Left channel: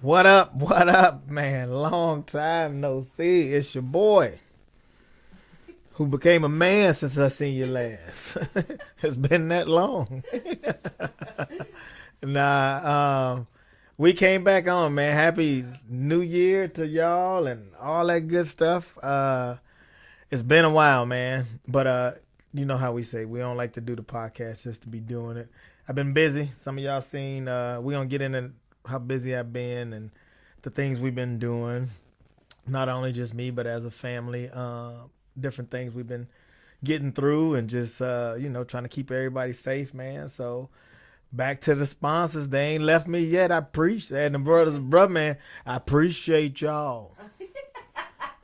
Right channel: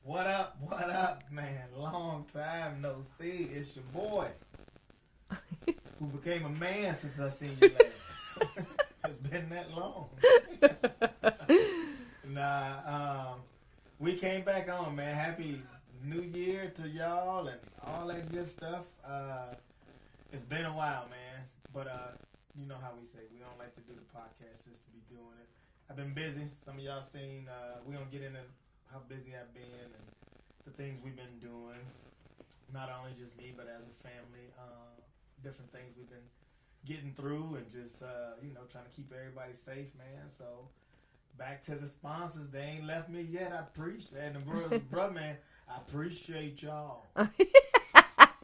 What up, man? Long time no see. It's your boy who became a man since I seen you last. It's been that long. We came back on, man. Happy New Year to y'all and all that good stuff. It's been a while, man. But you know how we say we don't like to do the podcast just to be doing it. I've been busy. Some of y'all seen. We gonna get into how busy I've been and the things we've been doing. Not only just me, but as a family. Different things we've been getting through and just trying to keep everybody safe, man. So back to the sponsors. They ain't left me yet. I appreciate the brothers, brother, man. I appreciate y'all. I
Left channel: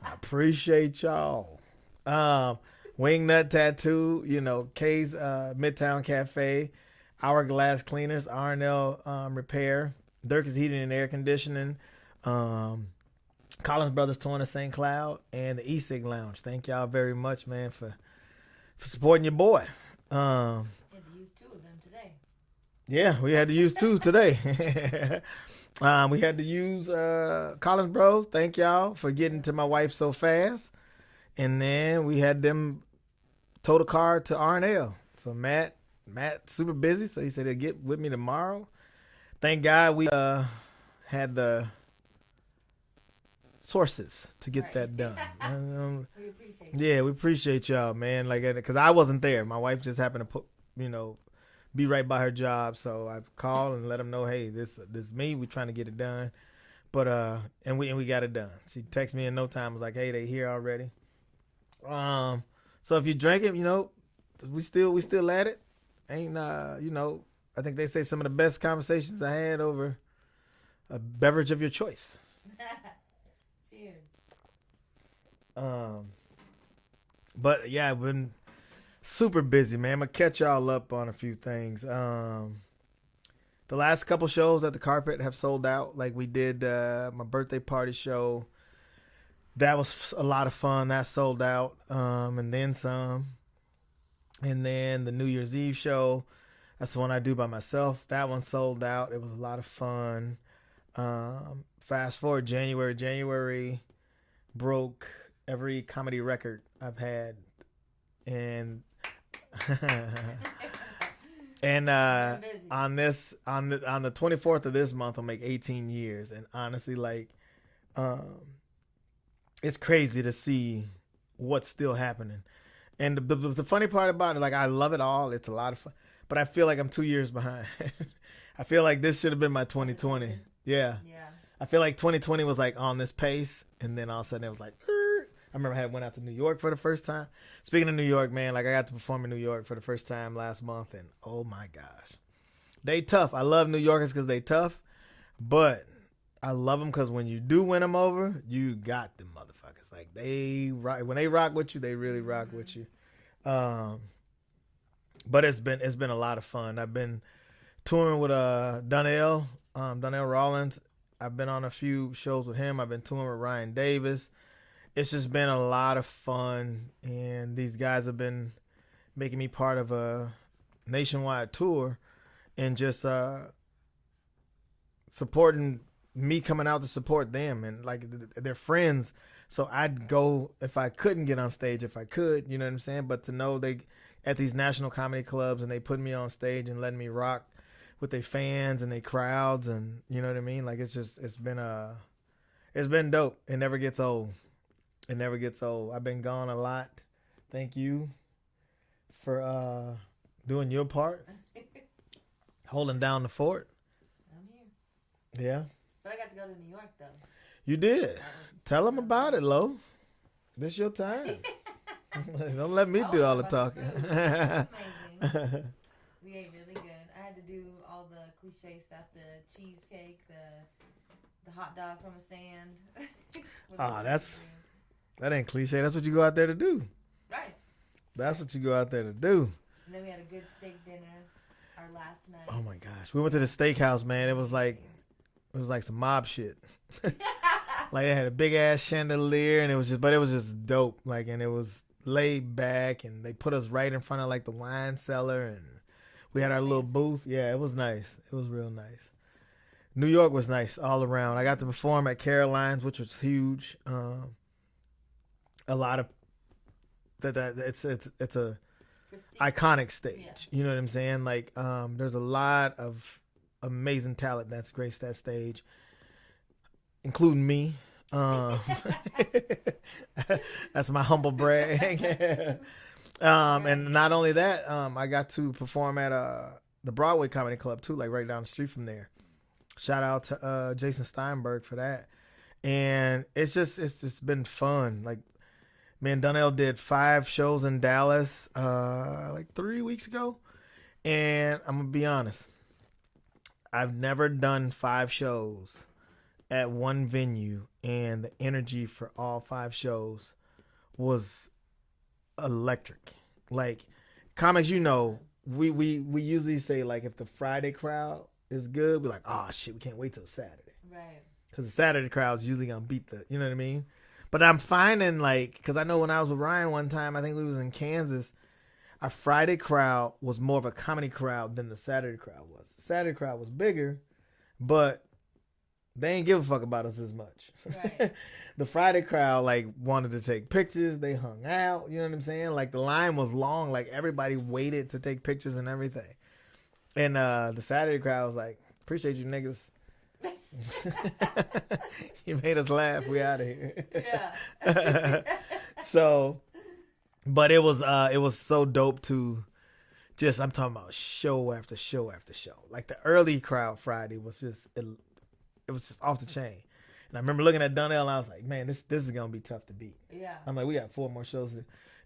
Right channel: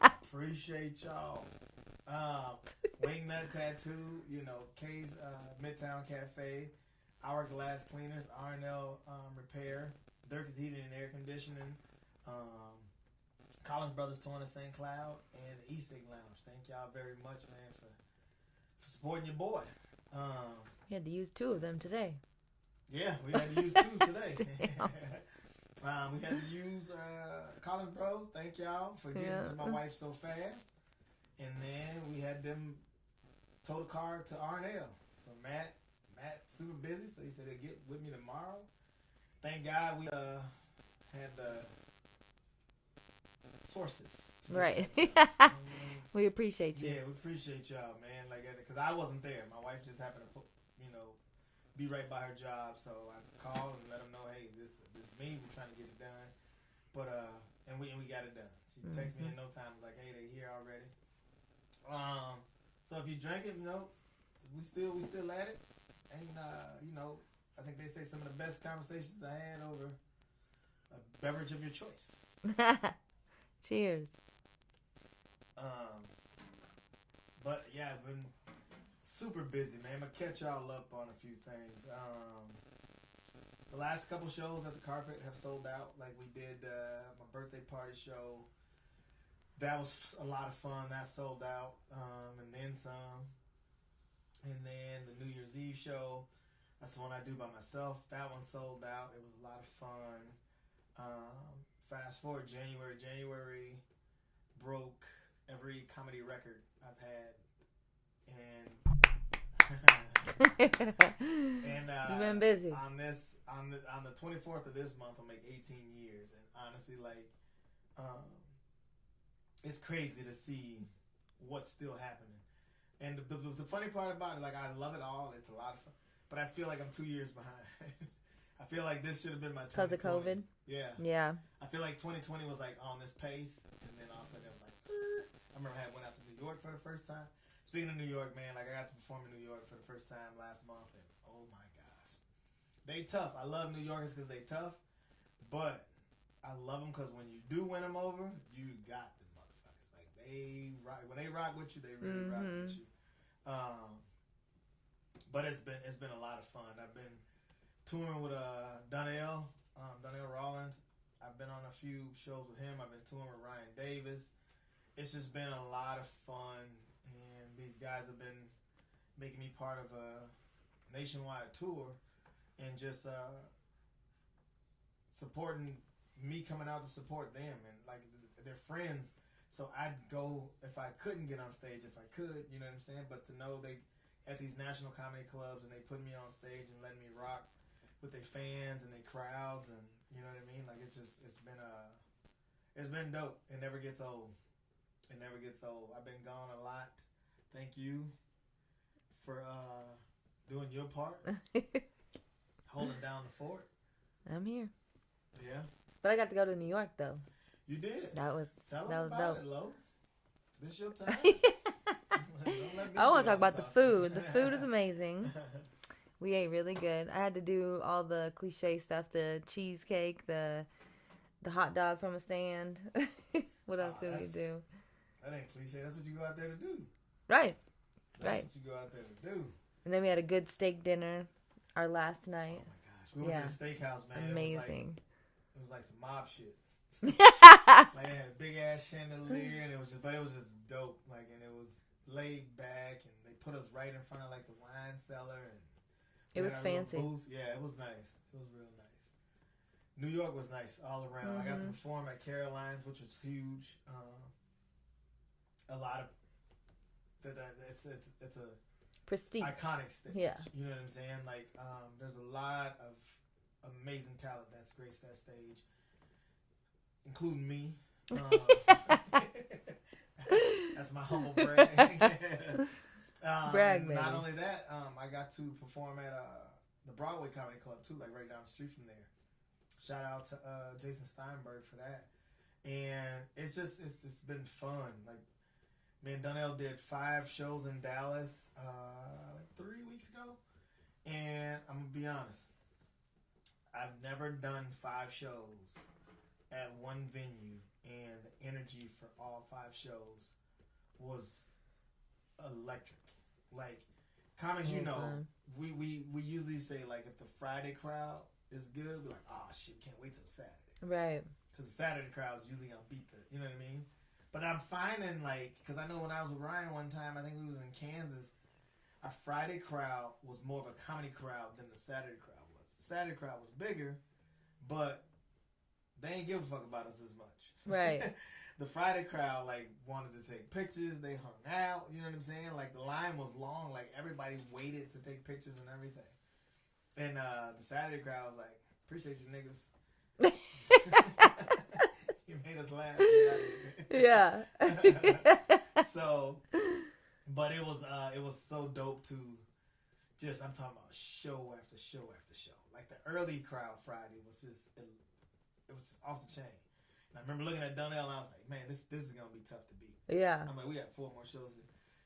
appreciate y'all. Wingnut Tattoo, K's Midtown Cafe, Hourglass Cleaners, R&L Repair, Dirk's Heating and Air Conditioning, Collins Brothers Torn to St. Cloud, and the E-Sig Lounge. Thank y'all very much, man, for supporting your boy. You had to use two of them today. Yeah, we had to use two today. We had to use Collins Bros. Thank y'all for getting to my wife so fast. And then we had them tow the car to R&L. So Matt super busy, so he said he'll get with me tomorrow. Thank God we had the sources to get that done. We appreciate you. Yeah, we appreciate y'all, man. Like, because I wasn't there. My wife just happened to be right by her job. So I called and let them know, hey, this is me. We're trying to get it done. But and we got it done. She texted me in no time. Was like, hey, they here already. So if you drink it, we still at it. Ain't I think they say some of the best conversations I had over a beverage of your choice. Cheers. But yeah, I've been super busy, man. I'm gonna catch y'all up on a few things. The last couple shows at the Carpet have sold out. Like we did my birthday party show. That was a lot of fun. That sold out. And then some. And then the New Year's Eve show. That's the one I do by myself. That one sold out. It was a lot of fun. Fast forward January broke every comedy record I've had. And and on the 24th of this month I'll make 18 years. And honestly, like it's crazy to see what's still happening. And the funny part about it, like, I love it all. It's a lot of fun. But I feel like I'm 2 years behind. I feel like this should have been my 2020. Yeah. I feel like 2020 was like on this pace. And then all of a sudden it was like, I remember I went out to New York for the first time. Speaking of New York, man, like I got to perform in New York for the first time last month. And oh my gosh. They tough. I love New Yorkers because they tough. But I love them because when you do win them over, you got them motherfuckers. Like when they rock with you, they really rock with you. But it's been a lot of fun. I've been touring with Donnell Rollins. I've been on a few shows with him. I've been touring with Ryan Davis. It's just been a lot of fun, and these guys have been making me part of a nationwide tour, and just supporting me, coming out to support them, and like they're friends. So I'd go if I couldn't get on stage, if I could, you know what I'm saying? But to know they at these national comedy clubs and they put me on stage and letting me rock with their fans and their crowds, and you know what I mean? Like it's been dope. It never gets old. It never gets old. I've been gone a lot. Thank you for doing your part. Holding down the fort. I'm here. Yeah. But I got to go to New York though. You did. Tell them about it, Lo. This your time. Don't let me do all the talking. The food. The food was amazing. We ate really good. I had to do all the cliche stuff: the cheesecake, the hot dog from a stand. What else did we do? That ain't cliche. That's what you go out there to do. Right. That's what you go out there to do. And then we had a good steak dinner our last night. Oh my gosh. We went to the steakhouse, man. It was like some mob shit. Like they had a big ass chandelier, and it was just dope. Like, and it was laid back, and they put us right in front of like the wine cellar, and we had our little booth. Yeah, it was nice. It was real nice. New York was nice all around. I got to perform at Caroline's, which was huge. A lot of it's a Prestige. iconic stage. Yeah. You know what I'm saying? Like, there's a lot of amazing talent that's graced that stage, including me. That's my humble brag. And not only that, I got to perform at the Broadway Comedy Club too, like right down the street from there. Shout out to Jason Steinberg for that. And it's just been fun. Like, me and Donnell did 5 shows in Dallas like 3 weeks ago. And I'm gonna be honest, I've never done 5 shows at one venue, and the energy for all 5 shows was electric. Like, comics, you know, we usually say, like, if the Friday crowd is good, we're like, oh shit, we can't wait till Saturday. Right. Because the Saturday crowd's usually gonna beat the, you know what I mean? But I'm finding, like, because I know when I was with Ryan one time, I think we was in Kansas, our Friday crowd was more of a comedy crowd than the Saturday crowd was. The Saturday crowd was bigger, but they ain't give a fuck about us as much. Right. The Friday crowd, like, wanted to take pictures. They hung out. You know what I'm saying? Like, the line was long. Like, everybody waited to take pictures and everything. And the Saturday crowd was like, appreciate you niggas. You made us laugh. We out of here. Yeah. So, but it was so dope to just, I'm talking about show after show after show. Like, the early crowd Friday was just, it was just off the chain. And I remember looking at Donnell and I was like, man, this is going to be tough to beat. Yeah. I'm like, we got 4 more shows.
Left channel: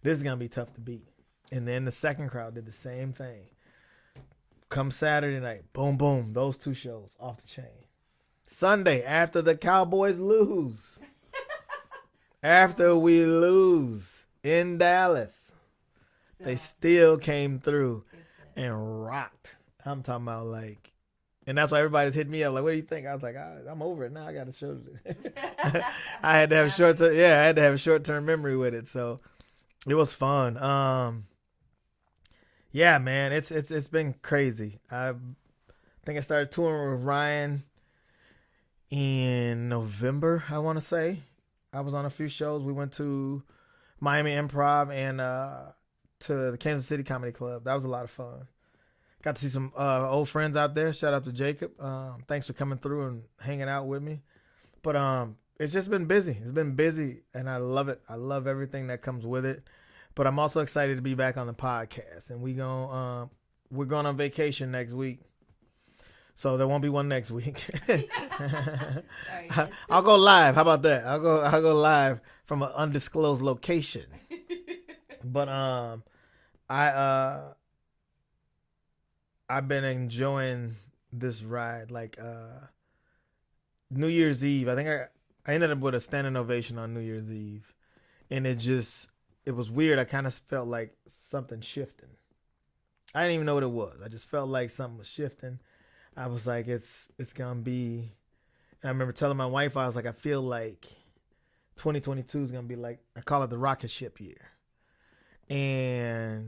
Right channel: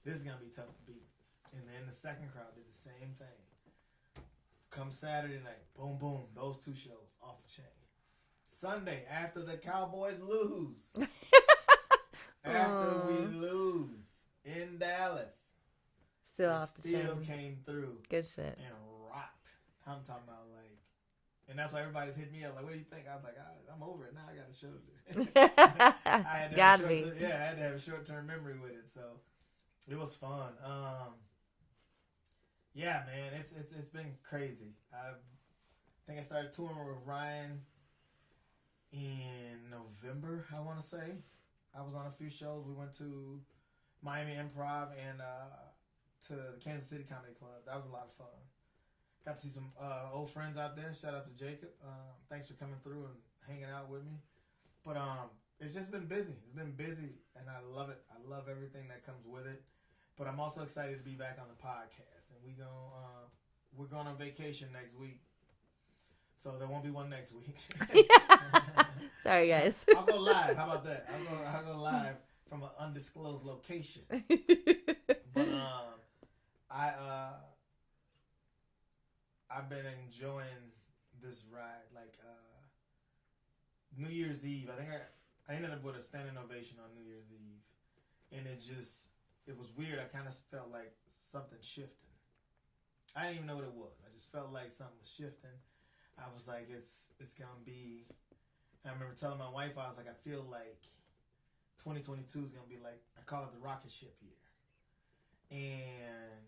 This is going to be tough to beat. And then the second crowd did the same thing. Come Saturday night, boom, boom, those 2 shows off the chain. Sunday, after the Cowboys lose. After we lose in Dallas. They still came through. Good shit. And rocked. I'm talking about, like, and that's why everybody's hitting me up. Like, what do you think? I was like, I'm over it now. I got a show to do. I had to have I had to have a short-term memory with it. So it was fun. Yeah, man, it's been crazy. I think I started touring with Ryan in November, I want to say. I was on a few shows. We went to Miami Improv and to the Kansas City Comedy Club. That was a lot of fun. Got to see some old friends out there. Shout out to Jacob. Thanks for coming through and hanging out with me. But it's just been busy. It's been busy, and I love it. I love everything that comes with it. But I'm also excited to be back on the podcast. And we're going on vacation next week. So there won't be one next week. Sorry, guys. I'll go live. How about that? I'll go live from an undisclosed location. But I've been enjoying this ride. Like New Year's Eve, I think I ended up with a standing ovation on New Year's Eve, and it was weird. I kind of felt like something shifting. I didn't even know what it was. I just felt like something was shifting. I was like, it's gonna be. And I remember telling my wife, I was like, I feel like 2022 is gonna be like, I call it the rocket ship year, and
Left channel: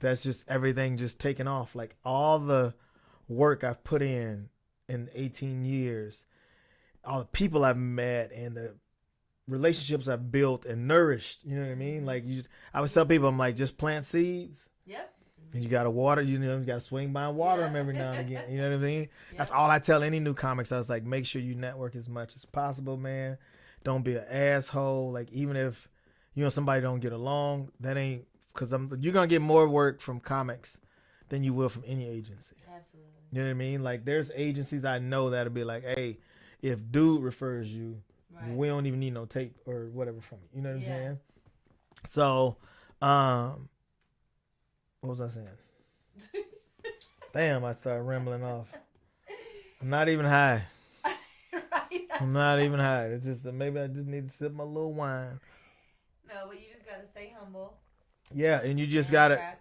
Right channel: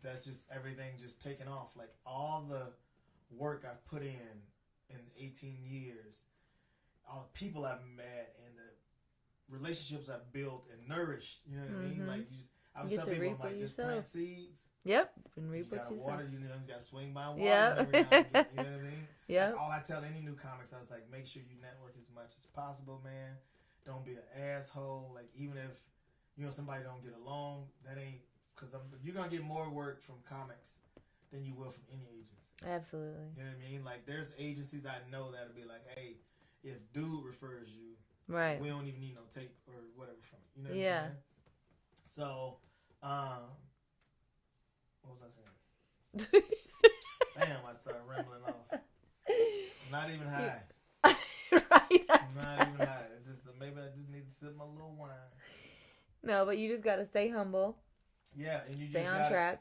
that's just everything just taking off. Like, all the work I've put in 18 years, all the people I've met, and the relationships I've built and nourished. You know what I mean? Like, I always tell people, I'm like, just plant seeds. Yep. You gotta water. You gotta swing by and water them every now and again. You know what I mean? Yep. That's all I tell any new comics. I was like, make sure you network as much as possible, man. Don't be an asshole. Like, even if somebody don't get along, that ain't, because you're gonna get more work from comics than you will from any agency. Absolutely. You know what I mean? Like, there's agencies I know that'll be like, hey, if dude refers you, right, we don't even need no tape or whatever from you. You know what I'm saying? So, what was I saying? Damn, I started rambling off. I'm not even high. Right. I'm not even high. It's just maybe I just need to sip my little wine. No, but you just gotta stay humble. Yeah, and you just gotta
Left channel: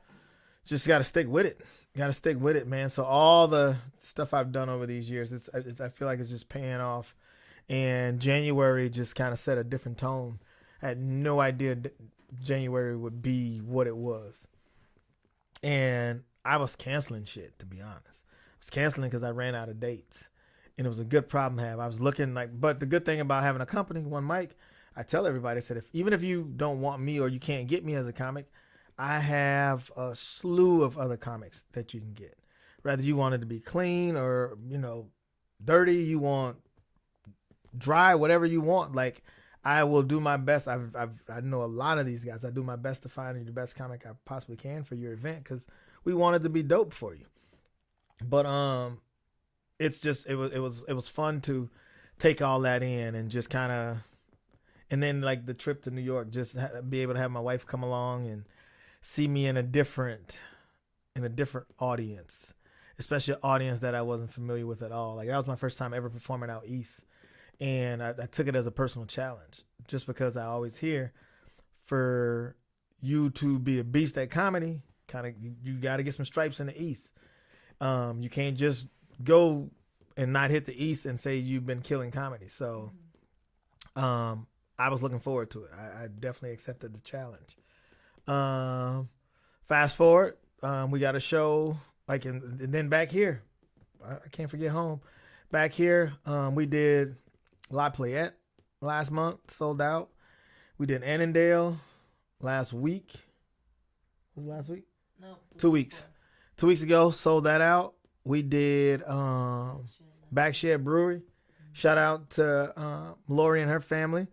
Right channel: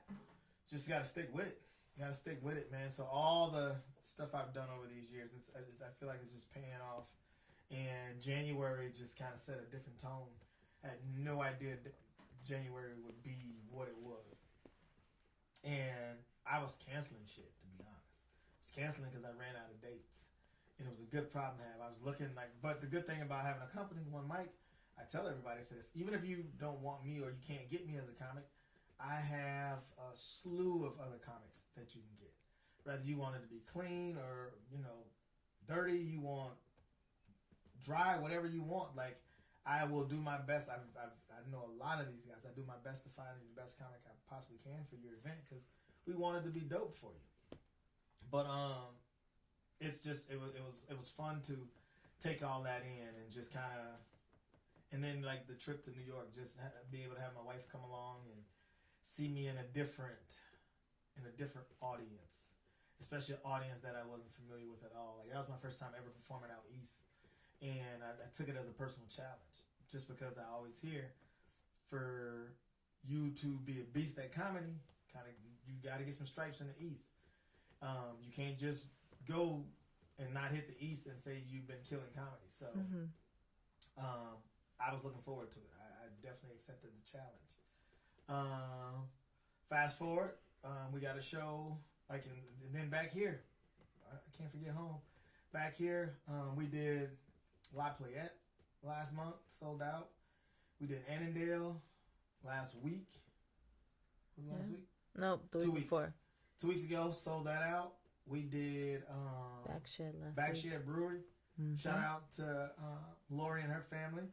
stick with it. You gotta stick with it, man. So all the stuff I've done over these years, I feel like it's just paying off. And January just kind of set a different tone. I had no idea January would be what it was. And I was canceling shit, to be honest. I was canceling because I ran out of dates. and it was a good problem to have. I was looking like, but the good thing about having a company, one mic, I tell everybody, I said, even if you don't want me or you can't get me as a comic, I have a slew of other comics that you can get. Whether you want it to be clean or, dirty, you want dry, whatever you want. Like, I will do my best. I know a lot of these guys. I do my best to find you the best comic I possibly can for your event because we want it to be dope for you. But it's just it was fun to take all that in and just kind of, and then like the trip to New York, just be able to have my wife come along and see me in a different audience, especially an audience that I wasn't familiar with at all. Like that was my first time ever performing out east. And I took it as a personal challenge just because I always hear for you to be a beast at comedy, kind of you got to get some stripes in the East. You can't just go and not hit the East and say you've been killing comedy. So I was looking forward to it. I definitely accepted the challenge. Fast forward, we got a show and then back here. I can't forget home. Back here, we did La Playette last month, sold out. We did Annandale last week. Was it last week? No, 2 weeks. Before. 2 weeks ago, sold that out. We did Backshed Brewery. Mm-hmm. Shout out to Lori and her family.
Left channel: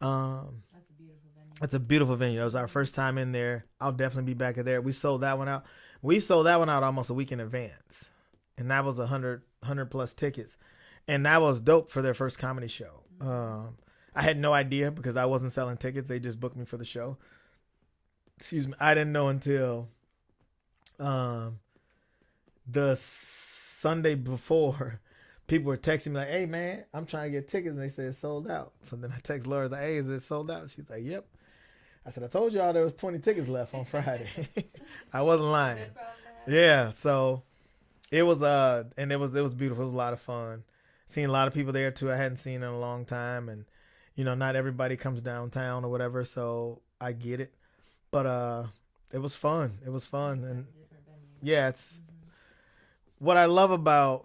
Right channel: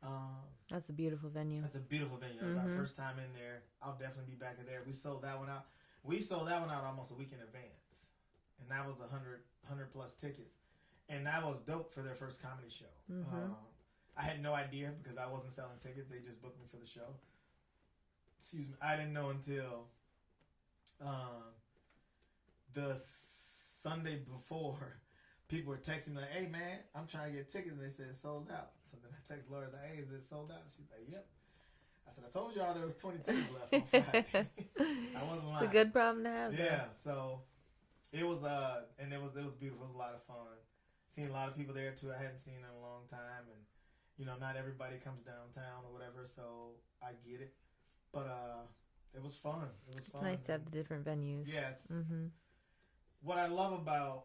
That's a beautiful venue. It's a beautiful venue. It was our first time in there. I'll definitely be back in there. We sold that one out. We sold that one out almost a week in advance, and that was 100 plus tickets. And that was dope for their first comedy show. Mm-hmm. I had no idea because I wasn't selling tickets. They just booked me for the show. Excuse me. I didn't know until the Sunday before. People were texting me like, hey, man, I'm trying to get tickets. And they said it's sold out. So then I text Laura, like, hey, is it sold out? She's like, yep. I said, I told y'all there was 20 tickets left on Friday. I wasn't lying. It's a good problem to have. Yeah. So it was, and it was beautiful. It was a lot of fun. Seen a lot of people there too I hadn't seen in a long time, and not everybody comes downtown or whatever, so I get it, but it was fun. It's nice to have the different venues. Yeah, it's what I love about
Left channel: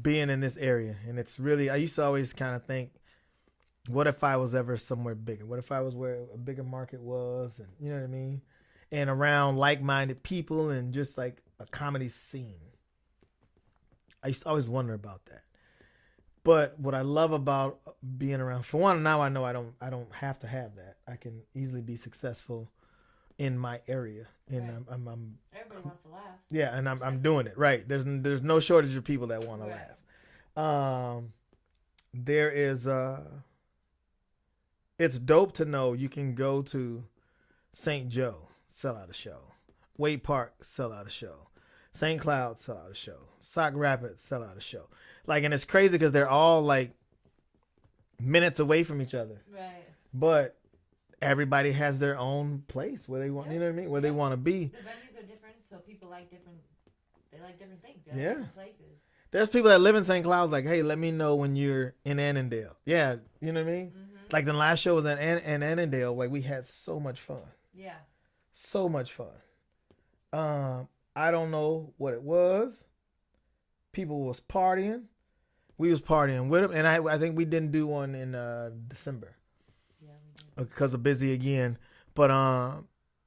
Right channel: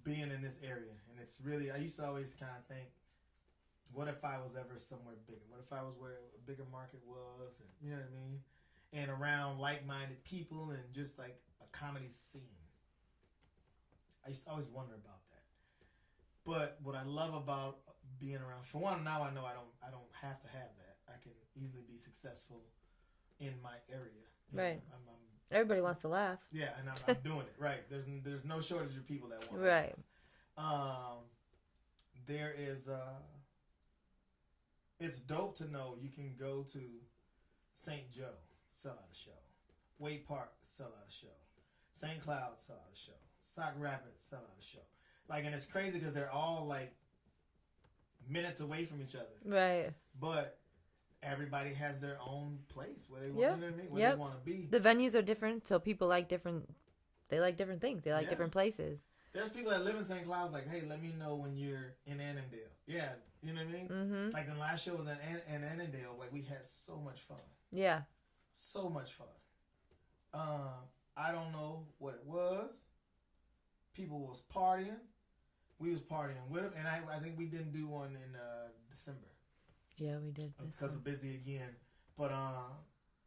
being in this area, and it's really, I used to always kind of think, what if I was ever somewhere bigger? What if I was where a bigger market was, and you know what I mean, and around like-minded people and just like a comedy scene. I used to always wonder about that. But what I love about being around, for one, now I know I don't have to have that. I can easily be successful in my area. And right. I'm everybody wants to laugh. Yeah, and I'm doing it right. There's no shortage of people that want to laugh. There is it's dope to know you can go to St. Joe, sell out a show. Wade Park, sell out a show. St. Cloud, sell out a show. Sauk Rapids, sell out a show. Like, and it's crazy because they're all like minutes away from each other. Right. But everybody has their own place where they want, you know what I mean? Where they want to be. The venues are different, so people like different things. They like different places. There's people that live in St. Cloud like, hey, let me know when you're in Annandale. Yeah, you know what I mean? Mm-hmm. Like the last show was in Annandale. Like, we had so much fun. Yeah. So much fun. I don't know what it was. People was partying. We was partying with them, and I think we didn't do one in December. Yeah, we did because of busy again. But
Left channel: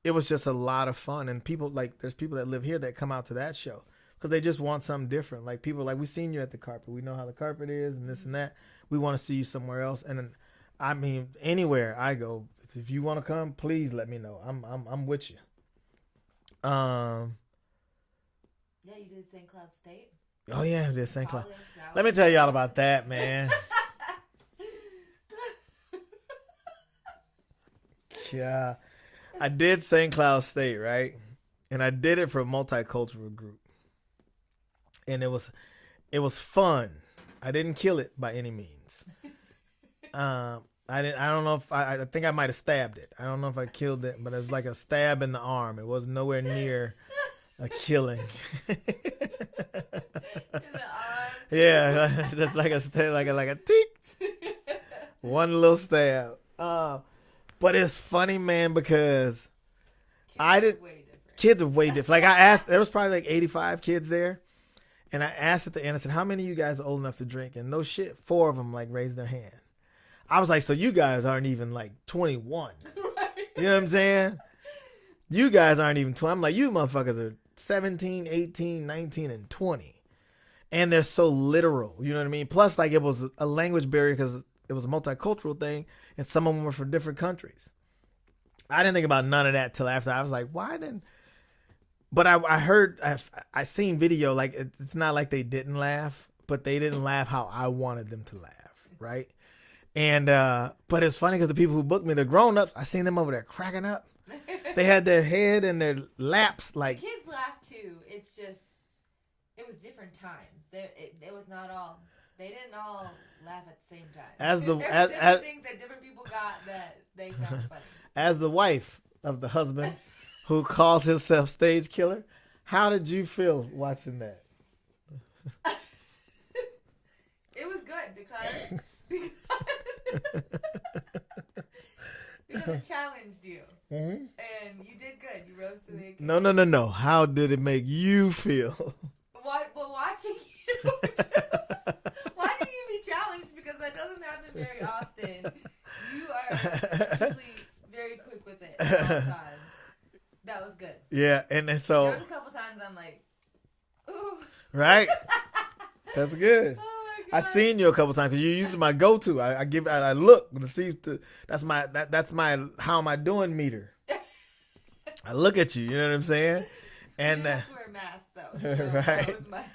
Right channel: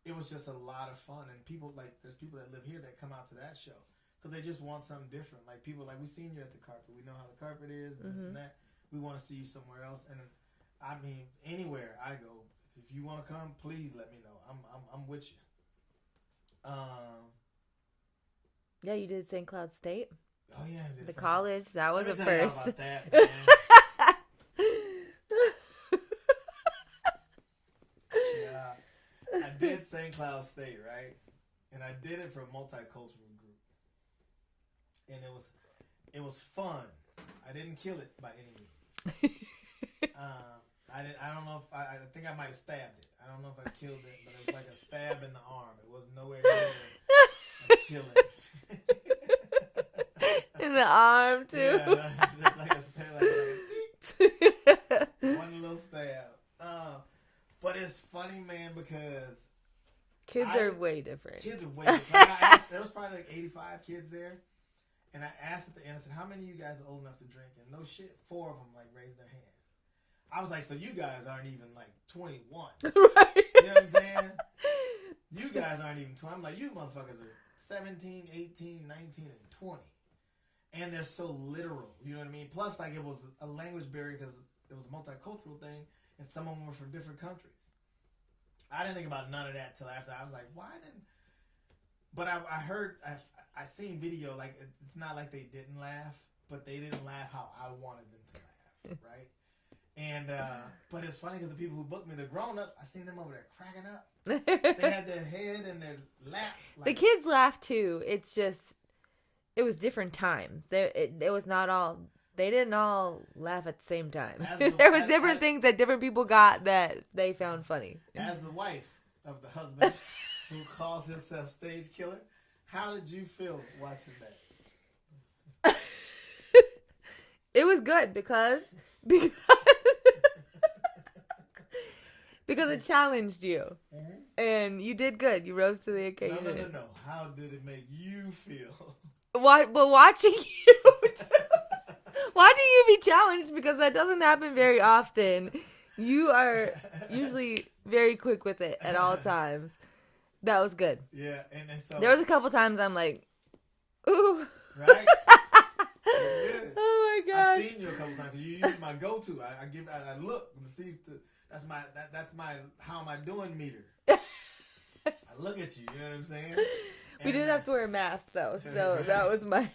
it was just a lot of fun, and people there's people that live here that come out to that show because they just want something different. Like people we seen you at the carpet. We know how the carpet is and this and that. We want to see you somewhere else. And I mean, anywhere I go, if you want to come, please let me know. I'm with you. Yeah, you did St. Cloud State. Oh yeah, I did St. College. That was Let me tell y'all about that, man. Yeah, I did St. Cloud State, right? And I did it for a multicultural group, and it was fun. I didn't kill it by any means. I don't know if I think I might have stabbed it. I don't know if I killed it, but it was like a stab in the arm. It was nowhere near a killing. In the arm, too. Yeah, that's like a stab, like a tick. One little stab. But it's funny, man, because kids are way different. Kids are way different. Like I asked, there was probably like 85 kids there, And I asked at the end, I said, how many of you guys are old enough to drink? And no shit, 4 of them like raised their hand. I was like, so you guys aren't even like 21. Right. You know what I'm saying? You guys aren't even 20. I'm like, you motherfuckers are 17, 18, 19, and 20. And they're so literal. You know what I mean? Plus, like, it was a language barrier because it was a multicultural thing, and some of them were from different countries. I didn't think about none of that till after. I was like, why didn't... But I heard, I seen video, like, it's not like they didn't laugh, but they didn't laugh how I wanted them to laugh, right? And, but it's funny because the people who booked me, the grown-ups, I seen them over there cracking up. They had their head in their laps. Like, the kids laughed too. It's just, it was different times. It was not all, they didn't all laugh at the same time. There was different things that different people got that they found funny. As the wife of the husband who calls himself Stage Killer, how did you feel watching that? It was good because it challenged you, and you did good. You rose to the occasion. No. How did it make you feel? Why? But watching you be challenged, because that doesn't happen very often. You are usually very quick with it at all times. That was good. Yeah, and so there was a couple times I'm like, ooh. Right? That's good. Oh my God. I seen you a couple times because you used my go-to. I look to see that's my how am I doing meter. I look at you. You know what I'm saying? And you didn't have to wear a mask though, so right. that was my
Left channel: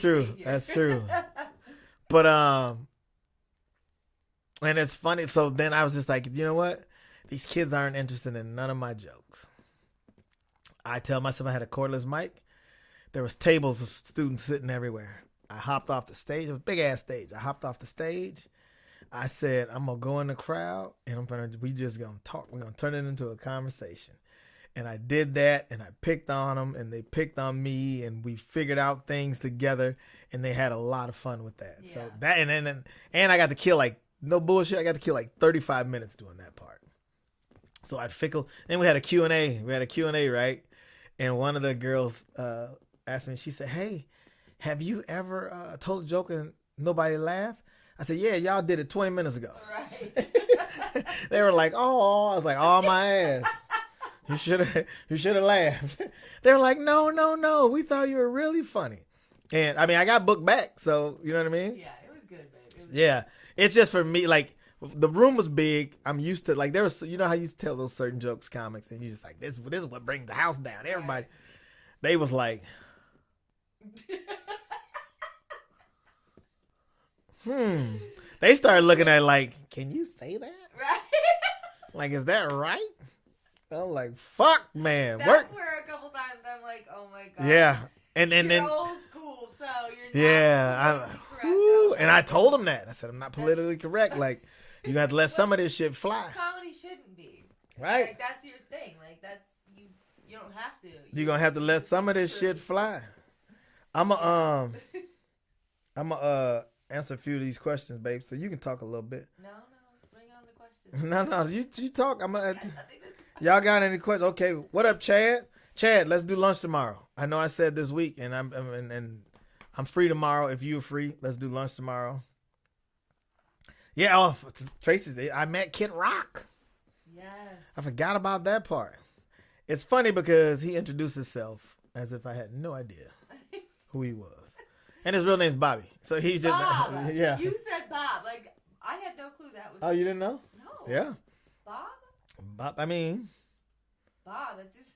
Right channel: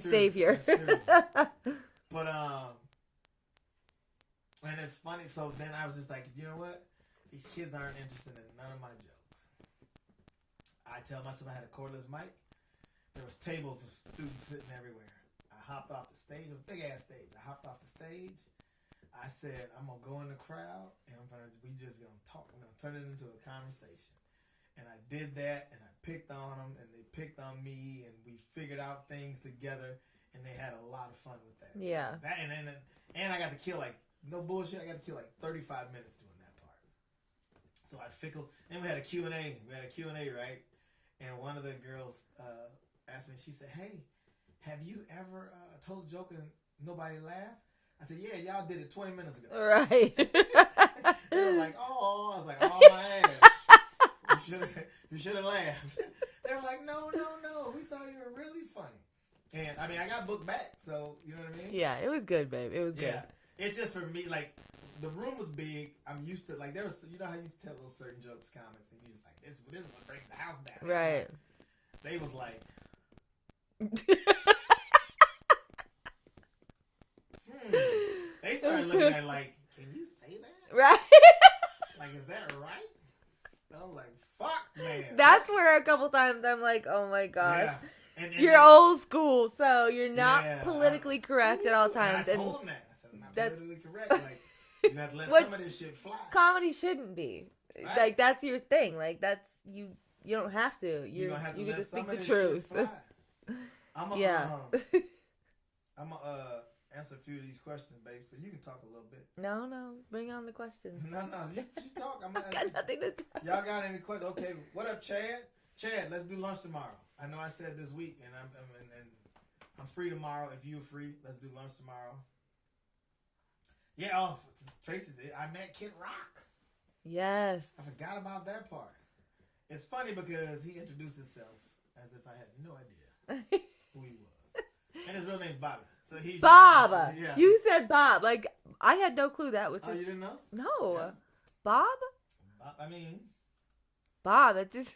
true. savior. That's true. But and it's funny. So then I was just like, you know what? These kids aren't interested in none of my jokes. I tell myself I had a cordless mic. There was tables of students sitting everywhere. I hopped off the stage. It was a big ass stage. I hopped off the stage. I said, I'm gonna go in the crowd and we just gonna talk. We're gonna turn it into a conversation. And I did that, and I picked on them, and they picked on me, and we figured out things together, and they had a lot of fun with that. Yeah. So that and I got to kill, like, no bullshit, I got to kill like 35 minutes doing that part. So I'd fickle. Then we had a Q&A. We had a Q&A, right? And one of the girls asked me, she said, hey, have you ever told a joke and nobody laughed? I said, yeah, y'all did it 20 minutes ago. Right. They were like, oh. I was like, oh, my ass. You should have laughed. They were like, no. We thought you were really funny. And I mean, I got booked back, so you know what I mean? Yeah, it was good, babe. It was good. It's just for me, like, the room was big. I'm used to, like, there was, you know how you used to tell those certain jokes, comics, and you just like, this is what brings the house down. Everybody, right. They was like, They started looking at it like, can you say that? Right. Like, is that right? I'm like, fuck, man. That's where a couple times I'm like, oh my God. Yeah. And you're old school, so you're not politically correct at all times. And I told him that. I said, I'm not politically correct. Like, you have to let some of this shit fly. Comedy shouldn't be. Right. Like, that's your thing. Like, that's, you don't have to. You're going to have to let some of this shit fly. I'm going to answer a few of these questions, babe, so you can talk a little bit. No, bring on the questions. No, you talk. I got nothing to talk. Y'all got any questions? Okay, what up, Chad? Chad, let's do lunch tomorrow. I know I said this week, and I'm free tomorrow. If you're free, let's do lunch tomorrow. Yeah, Tracy, I met Kid Rock. Yes. I forgot about that part. It's funny because he introduced himself as if I had no idea who he was. And his real name's Bobby. So he's Bob. Yeah. You said Bob. Like, I had no clue that was. Oh, you didn't know? No. Yeah. Bob. I mean, Bob. It's just,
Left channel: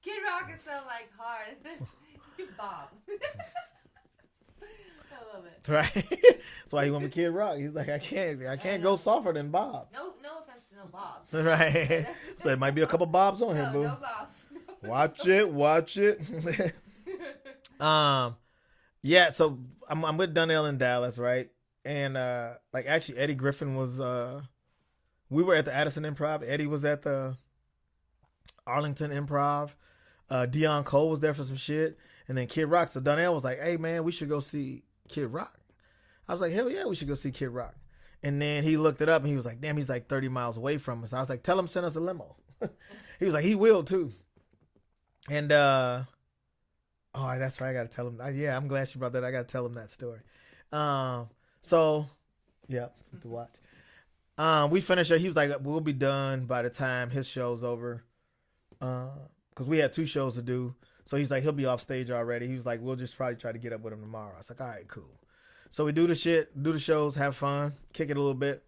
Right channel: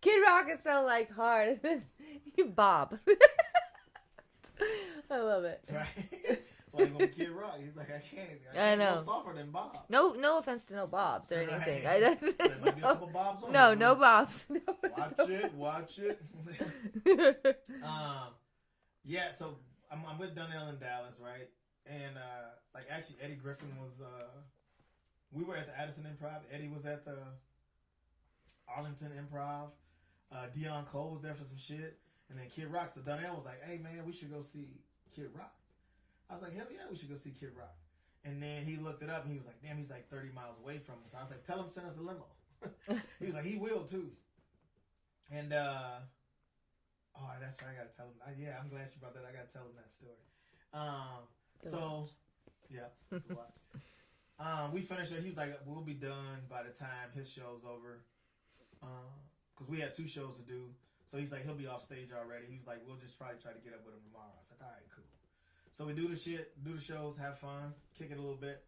Kid Rock is so like hard. Bob. I love it. Right. That's why he want me Kid Rock. He's like, I can't go softer than Bob. No offense to no Bobs. Right. So it might be a couple Bobs on no, here. No Bobs. Watch it. Yeah, so I'm with Donnell in Dallas, right? And like actually Eddie Griffin was we were at the Addison Improv. Eddie was at the Arlington Improv. Dion Cole was there for some shit. And then Kid Rock. So Donnell was like, hey man, we should go see Kid Rock. I was like, hell yeah, we should go see Kid Rock. And then he looked it up and he was like, damn, he's like 30 miles away from us. I was like, tell him send us a limo. He was like, he will too. And Oh, that's right. I gotta tell him. Yeah, I'm glad she brought that. I gotta tell him that story. So yeah, to watch. We finished it. He was like, "We'll be done by the time his show's over." Because we had 2 shows to do. So he's like, he'll be off stage already. He was like, we'll just probably try to get up with him tomorrow. I was like, all right, cool. So we do the shit, do the shows, have fun, kick it a little bit,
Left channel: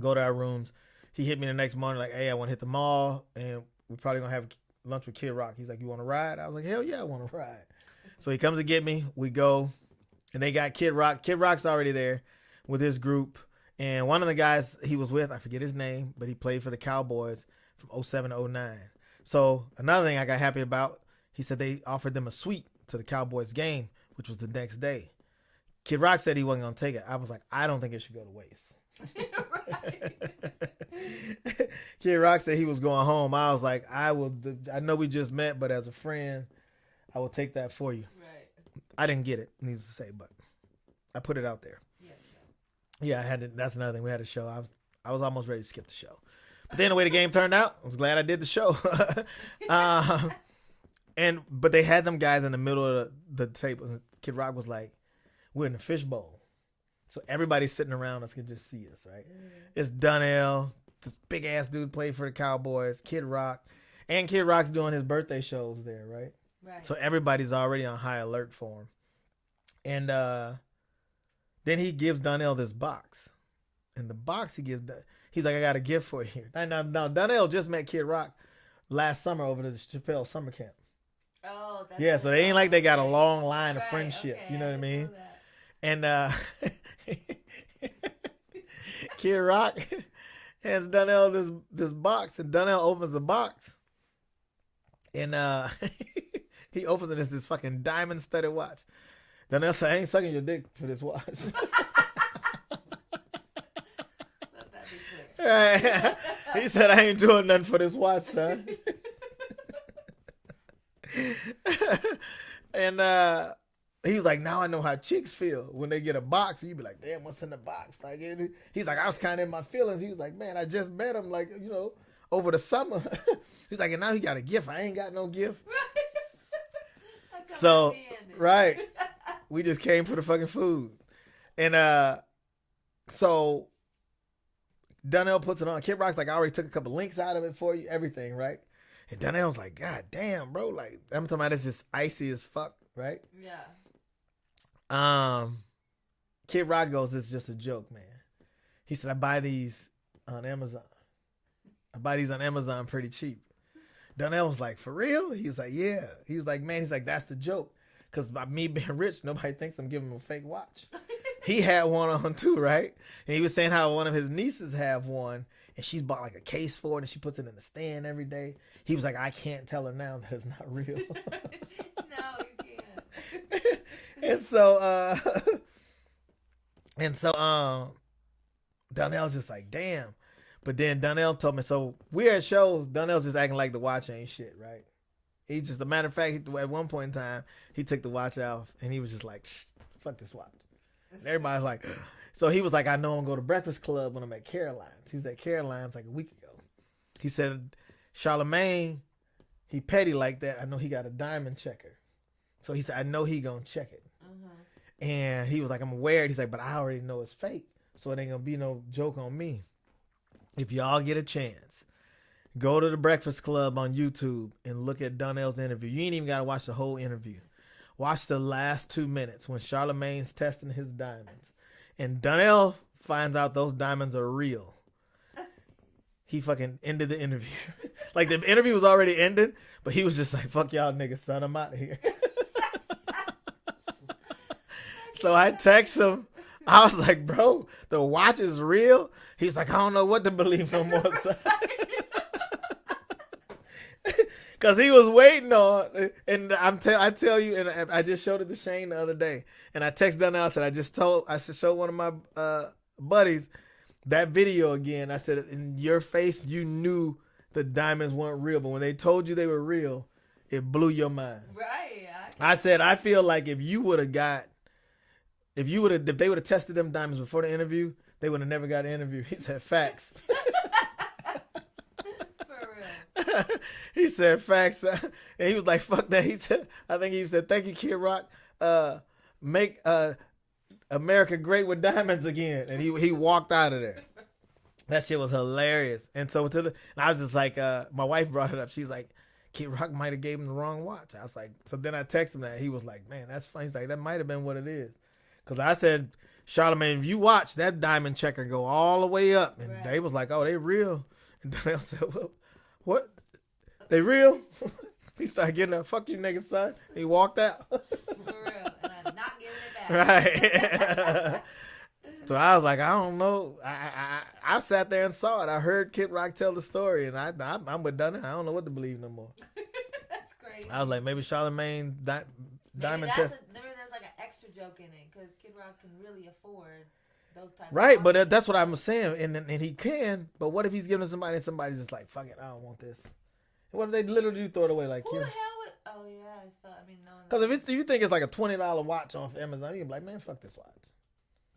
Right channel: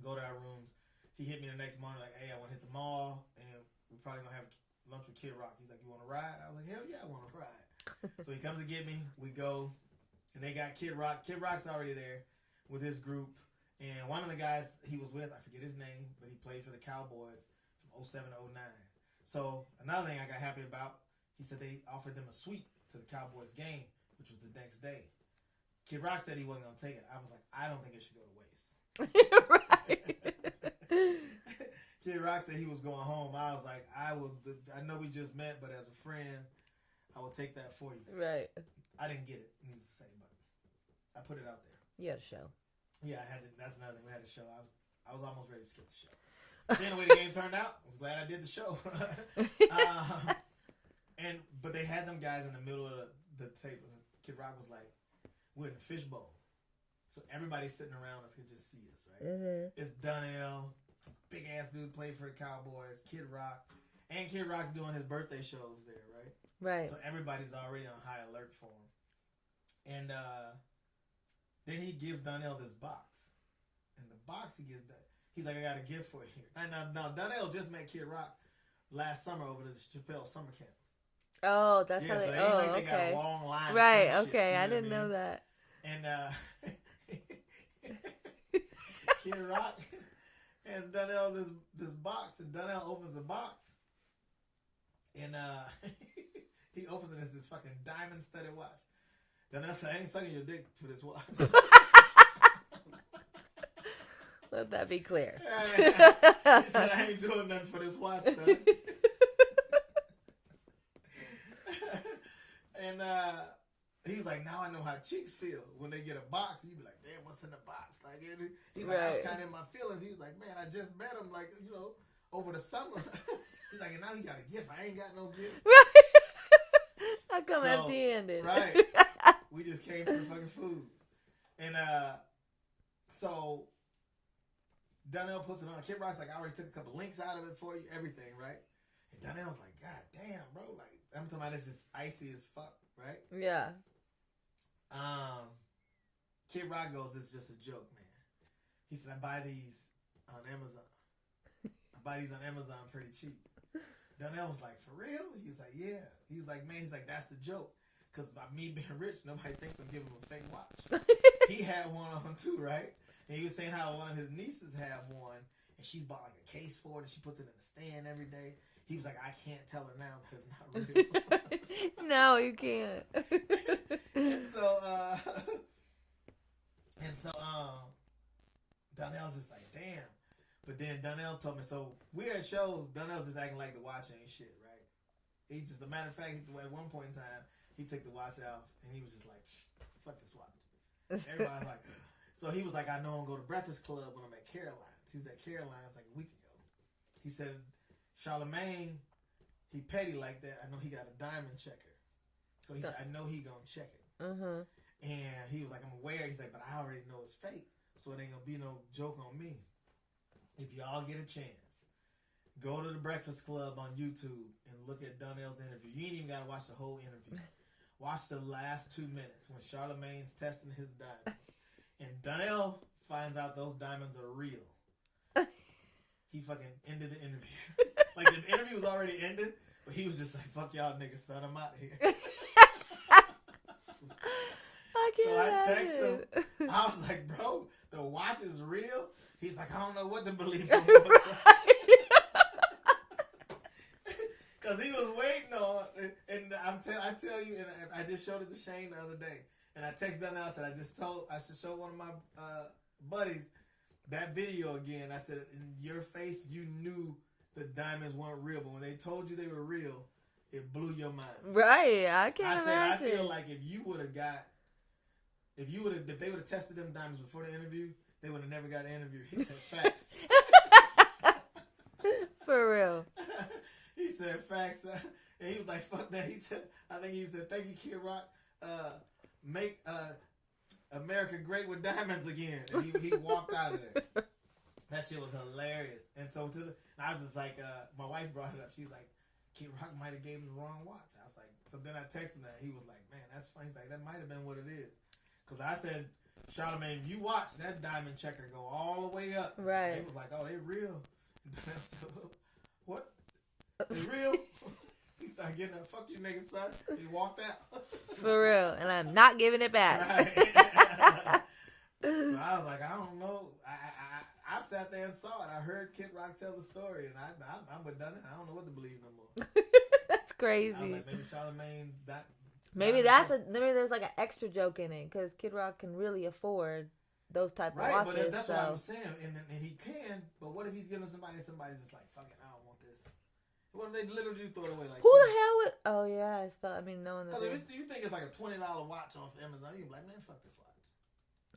go to our rooms. He hit me the next morning like, hey, I want to hit the mall, and we're probably going to have lunch with Kid Rock. He's like, you want to ride? I was like, hell yeah, I want to ride. So he comes to get me. We go, and they got Kid Rock. Kid Rock's already there with his group. And one of the guys he was with, I forget his name, but he played for the Cowboys from 07 to 09. So another thing I got happy about, he said they offered them a suite to the Cowboys game, which was the next day. Kid Rock said he wasn't going to take it. I was like, I don't think it should go to waste. Right. Kid Rock said he was going home. I was like, I know we just met, but as a friend, I will take that for you. Right. I didn't get it, needs to say, but I put it out there. You had a show. Yeah, I had to, that's another thing. We had a show. I was almost ready to skip the show. But then the way the game turned out, I was glad I did the show. But they had them guys in the middle of the table. Kid Rock was like, we're in the fishbowl. So everybody's sitting around us can just see us, right? Mm-hmm. It's Donnell, this big ass dude played for the Cowboys, Kid Rock. And Kid Rock's doing his birthday shows there, right? Right. So everybody's already on high alert for him. And then he gives Donnell this box. And the box he gives, he's like, I got a gift for you here. Now Donnell just met Kid Rock last summer over to the Chappelle summer camp. Oh, that's yeah. So they ain't like they got a okay. long line of Right, friendship. okay, You know I didn't what I mean? know that. And Kid Rock hands Donnell this box, and Donnell opens the box, and he opens it as this fucking diamond studded watch. Donnell said, I ain't sucking your dick for this watch. Let that be clear. He said, I ain't doing nothing for this watch, son. And he was like, now I know how chicks feel when they get a box. And you be like, damn, what's in the box? Like, he's like, I was kind of in my feelings. He was like, man, I just met him, like, over the summer. He's like, and now he got a gift. I ain't got no gift. Right. How come So, empty-handed? right. We just came for the fucking food. And so Donnell puts it on. Kid Rock's like, I already took a couple links out of it for you, everything, right? And Donnell's like, God damn, bro. Like, I'm talking about it's just icy as fuck, right? Yeah. Kid Rock goes, it's just a joke, man. He said, I buy these on Amazon. I buy these on Amazon pretty cheap. Donnell was like, for real? He was like, yeah. He was like, man, he's like, that's the joke. Because by me being rich, nobody thinks I'm giving him a fake watch. He had one on too, right? And he was saying how one of his nieces have one, and she's bought like a case for it, and she puts it in the stand every day. He was like, I can't tell her now that it's not real. No, you can't. and so Donnell's just like, damn. But then Donnell told me, so we're at shows, Donnell's just acting like the watch ain't shit, right? He just, a matter of fact, at one point in time, he took the watch off, and he was just like, fuck this watch. And everybody's like, so he was like, I know I'm going to go to Breakfast Club when I'm at Caroline's. He was at Caroline's like a week ago. He said, Charlemagne, he petty like that. I know he got a diamond checker. So he said, I know he going to check it. Mm-hmm. And he was like, I'm aware. He's like, but I already know it's fake. So it ain't going to be no joke on me. If y'all get a chance, go to the Breakfast Club on YouTube and look at Donnell's interview. You ain't even got to watch the whole interview. Watch the last 2 minutes when Charlemagne's testing his diamonds. And Donnell finds out those diamonds are real. He fucking ended the interview. Like, the interview was already ended, but he was just like, fuck y'all niggas, son, I'm out of here. So I text him. I was like, bro, the watch is real. He's like, I don't know what to believe no more. Because he was waiting on, and I tell you, and I just showed it to Shane the other day, and I texted Donnell. I said, I should show one of my buddies that video again. I said, in your face, you knew the diamonds weren't real, but when they told you they were real, it blew your mind. Right. I said, I feel like if they would have tested them diamonds before the interview, they would have never got an interview. He said, facts. For real. He said facts, and he was like, "Fuck that." He said, "I think he said, thank you, Kid Rock. Make America great with diamonds again." And he walked out of there. That shit was hilarious. And so and I was just like, my wife brought it up. She's like, Kid Rock might have gave him the wrong watch. I was like, so then I texted him that. He was like, man, that's funny. He's like, that might have been what it is. Because I said, Charlamagne, if you watch that diamond checker go all the way up, and Right. they was like, oh, they real. And Donnell said, well, what? They real? He started getting up. Fuck you, nigga, son. He walked out. For real. And I'm not giving it back. Right. So I was like, I don't know. I sat there and saw it. I heard Kid Rock tell the story, and I'm with Dunn. I don't know what to believe no more. That's crazy. I was like, maybe Charlamagne. Maybe there's like an extra joke in it because Kid Rock can really afford those type right, of but watches, that's what I'm saying, and he can. But what if he's giving somebody and somebody's just like, fuck it, I don't want this. What if they literally do throw it away? Like, who the hell would? Oh yeah, no one. Because if you think it's like a $20 watch off Amazon, you're like, man, fuck this watch.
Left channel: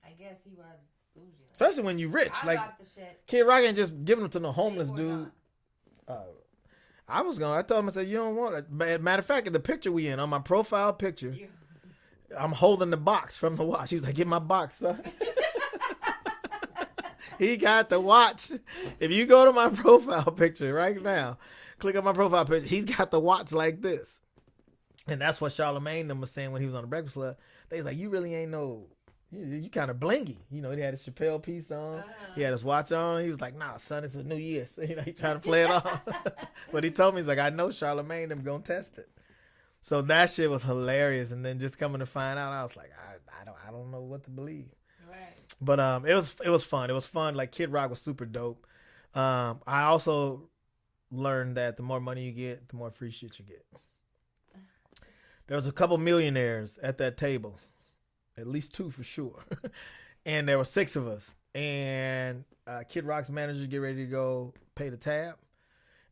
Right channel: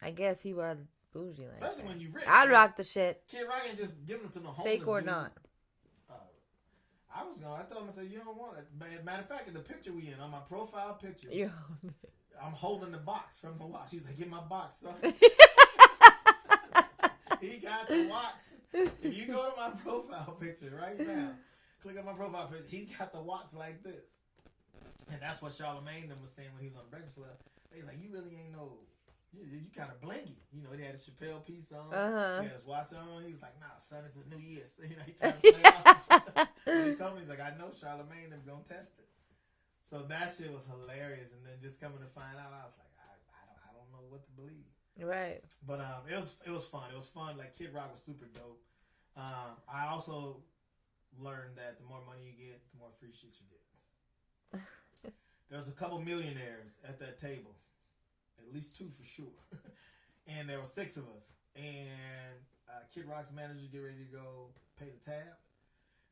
I guess he was bougie. Like. Especially when you rich. I'd rock the shit. Kid Rock ain't just giving them to no homeless Fake or dude. not. I told him, I said, you don't want it. Matter of fact, in the picture we in, on my profile picture, I'm holding the box from the watch. He was like, get my box, son. He got the watch. If you go to my profile picture right now, click on my profile picture, he's got the watch like this. And that's what Charlamagne them was saying when he was on the Breakfast Club. They was like, you really ain't you kind of blingy. You know, he had his Chappelle piece on. He had his watch on. He was like, nah, son, it's a New Year. So, you know, he trying to play it off. But he told me, he's like, I know Charlamagne them going to test it. So that shit was hilarious. And then just coming to find out, I was like, I don't know what to believe. Right. But it was fun. It was fun. Like, Kid Rock was super dope. I also learned that the more money you get, the more free shit you get. There was a couple millionaires at that table. At least 2 for sure. And there were 6 of us. And Kid Rock's manager get ready to go pay the tab.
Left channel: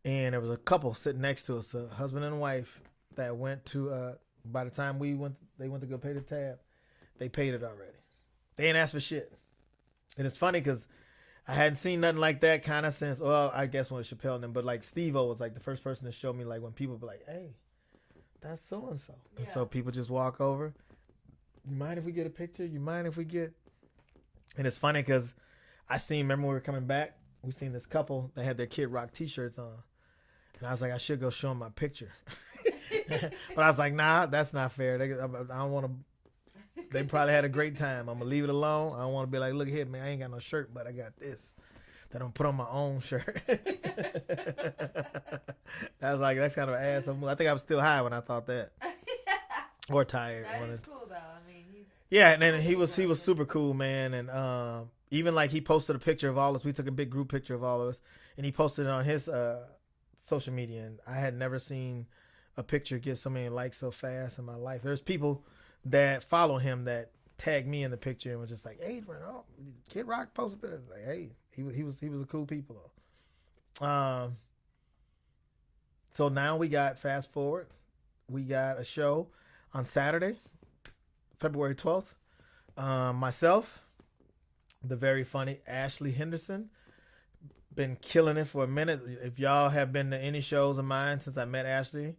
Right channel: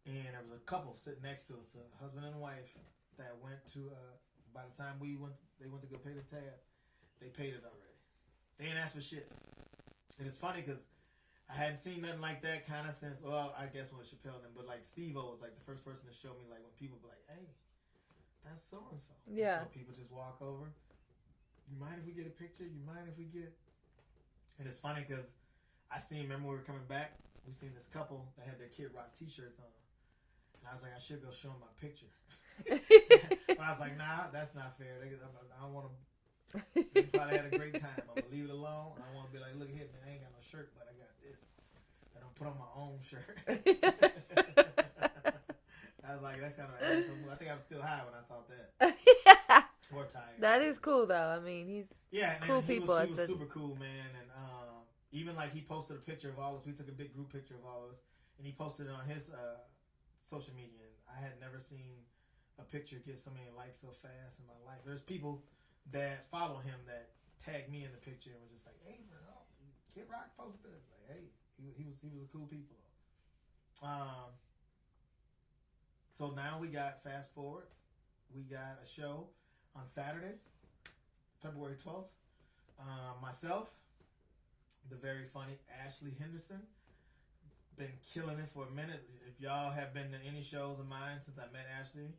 And there was a couple sitting next to us, a husband and wife, that went to, by the time they went to go pay the tab, they paid it already. They ain't asked for shit. And it's funny because I hadn't seen nothing like that kind of since, well, I guess when Chappelle and them, but like Steve-O was like the first person to show me, like, when people be like, hey, that's so-and-so. Yeah. And so people just walk over. You mind if we get a picture? You mind if we get... And it's funny because remember when we were coming back, we seen this couple that had their Kid Rock t-shirts on. And I was like, I should go show them my picture. But I was like, nah, that's not fair. I don't want to... They probably had a great time. I'm going to leave it alone. I don't want to be like, look here, man, I ain't got no shirt, but I got this that I'm put on my own shirt. I was like, that's kind of an ass. I think I was still high when I thought that. Or tired. That is cool though. I mean, he's and then cool he was super cool, man. And even like he posted a picture of all of us. We took a big group picture of all of us, and he posted it on his social media. And I had never seen a picture get so many likes so fast in my life. There's people that follow him that tagged me in the picture and was just like, "Hey, bro, Kid Rock posted it." Like, hey, he was a cool people. So now we got fast forward. We got a show on Saturday, February 12th. Myself, the very funny Ashley Henderson, been killing it for a minute. If y'all have been to any shows of mine since I met Ashley,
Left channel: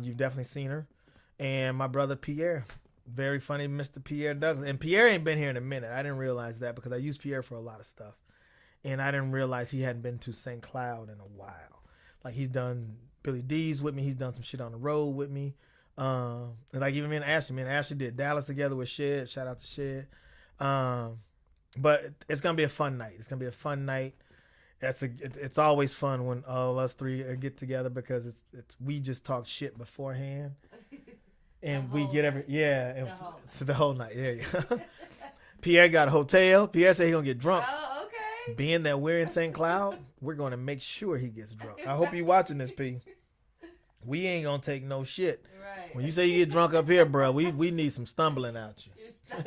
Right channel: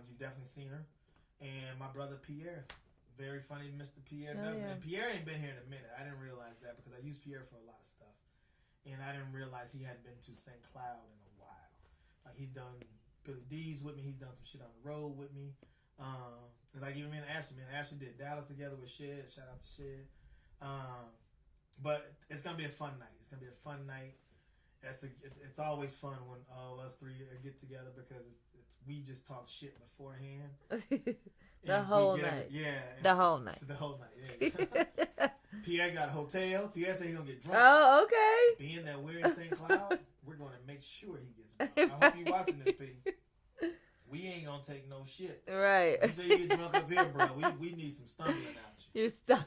you've definitely seen her. And my brother Pierre, very funny Mr. Pierre Douglas. And Pierre ain't been here in a minute. I didn't realize that because I use Pierre for a lot of stuff. And I didn't realize he hadn't been to St. Cloud in a while. Like, he's done Billy D's with me. He's done some shit on the road with me. And like even me and Ashley did Dallas together with Shed. Shout out to Shed. But it's gonna be a fun night. It's gonna be a fun night. It's always fun when all us three get together because we just talk shit beforehand. And we get the whole night. So the whole night. Yeah. Pierre got a hotel. Pierre said he's gonna get drunk. Oh, okay. Being that we're in St. Cloud, we're gonna make sure he gets drunk. I hope you watching this, P. We ain't gonna take no shit. Right. When you say you get drunk up here, bro, we need some stumbling out you. You're stuck.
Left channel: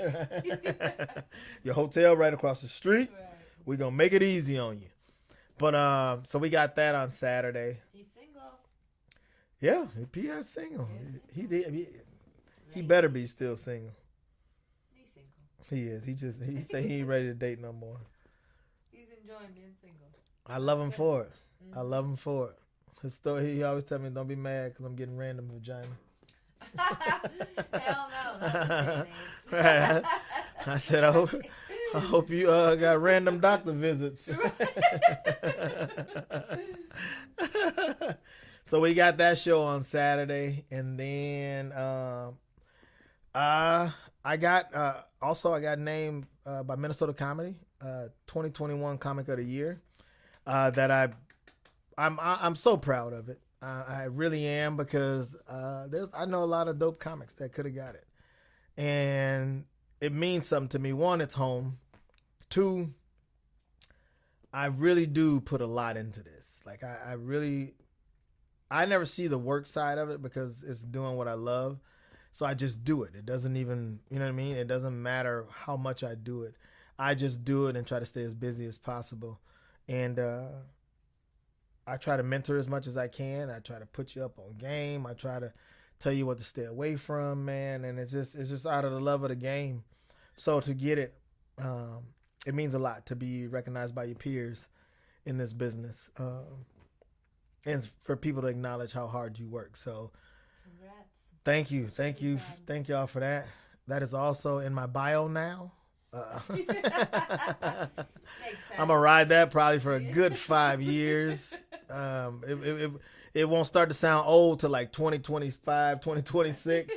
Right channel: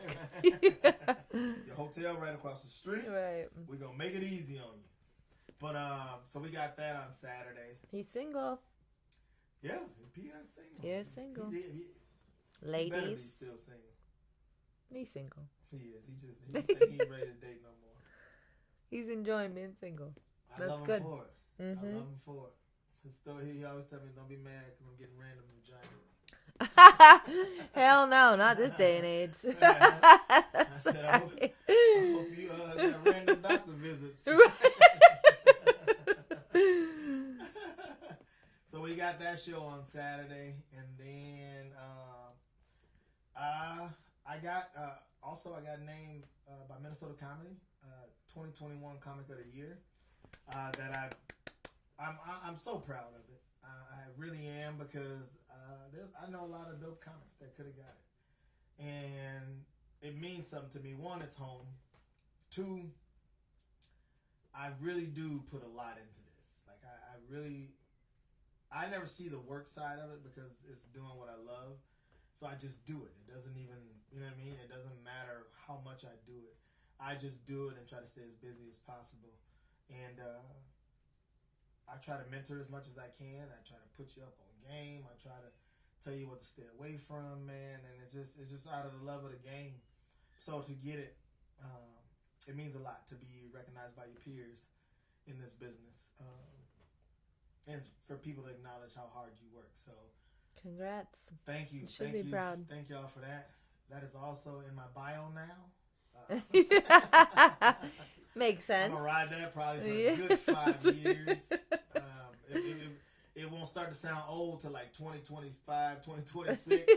Your hotel right across the street. Right. We're gonna make it easy on you. But so we got that on Saturday. He's single. Yeah, P.S. single. You're single. He better be still single. He's single. He is. He say he ain't ready to date no more. He's enjoying being single. I love him for it. I love him for it. His story, he always tell me, don't be mad because I'm getting random vagina. Hell no, not this day and age. Right. I said, I hope you got random doctor visits. So we got that show on Saturday, and then I got named by Minnesota Comedy 2021 Comic of the Year. That I'm so proud of it. I really am, because I know a lot of dope comics that could have got it, and it means something to me. One, it's home. Two, I really do put a lot into this. Like I never see the work side of it because it's doing what I love, so I just do it. It doesn't even, you know what I mean? It doesn't matter how much I do it. I just do it and try to stay as busy as possible, and I try to mentor as much as I can. I try to put you up on game. I try to tell you what to stay away from, man. And it's just out of the love of the game. So to get it, it means a lot to be recognized by your peers in this business, and for people to acknowledge how hard you work. So, congrats. Thank you, thank y'all for that. That is also in my bio now. Makes sense. I'm gonna ride that probably for a good 5 years. It won't start to sound old till like 2025, 2026.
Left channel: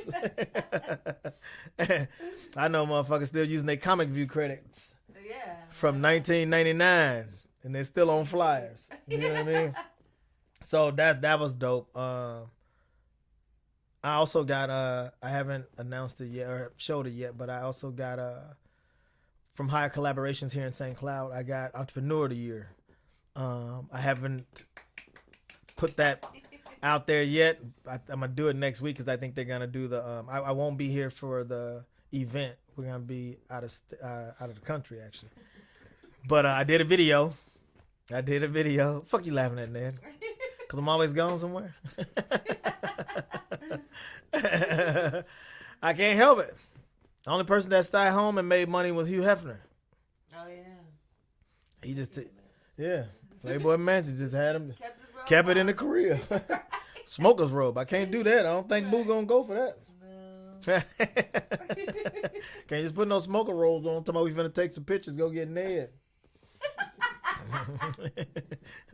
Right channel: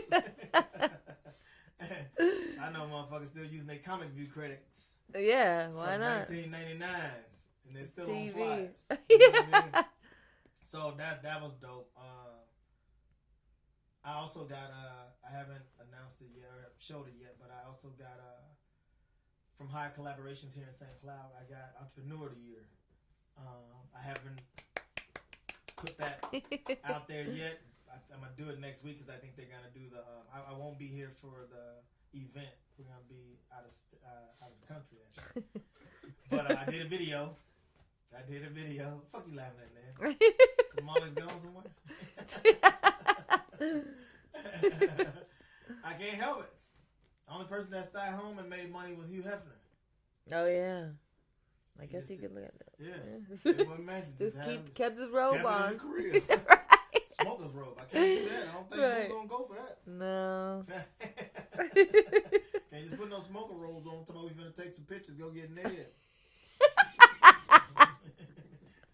I know motherfuckers still using their Comic View credits. Yeah. From 1999, and they're still on flyers. You know what I mean? So that was dope. I also got I haven't announced it yet or showed it yet, but I also got from Higher Collaborations here in St. Cloud, I got Entrepreneur of the Year. I haven't put that out there yet. I'm gonna do it next week because I think they're gonna do the. I won't be here for the event. We're gonna be out of the country actually. But I did a video. Fuck you laughing at, Ned? Because I'm always gone somewhere. I can't help it. The only person that stayed home and made money was Hugh Hefner. Oh yeah. He just Playboy Mansion just had him kept his robe kept it on. in the career. Right. Smoker's robe. I can't do that. I don't think Boo gonna go for that. No. Can't just put no smoker robes on. Tomorrow we finna take some pictures. Go get Ned.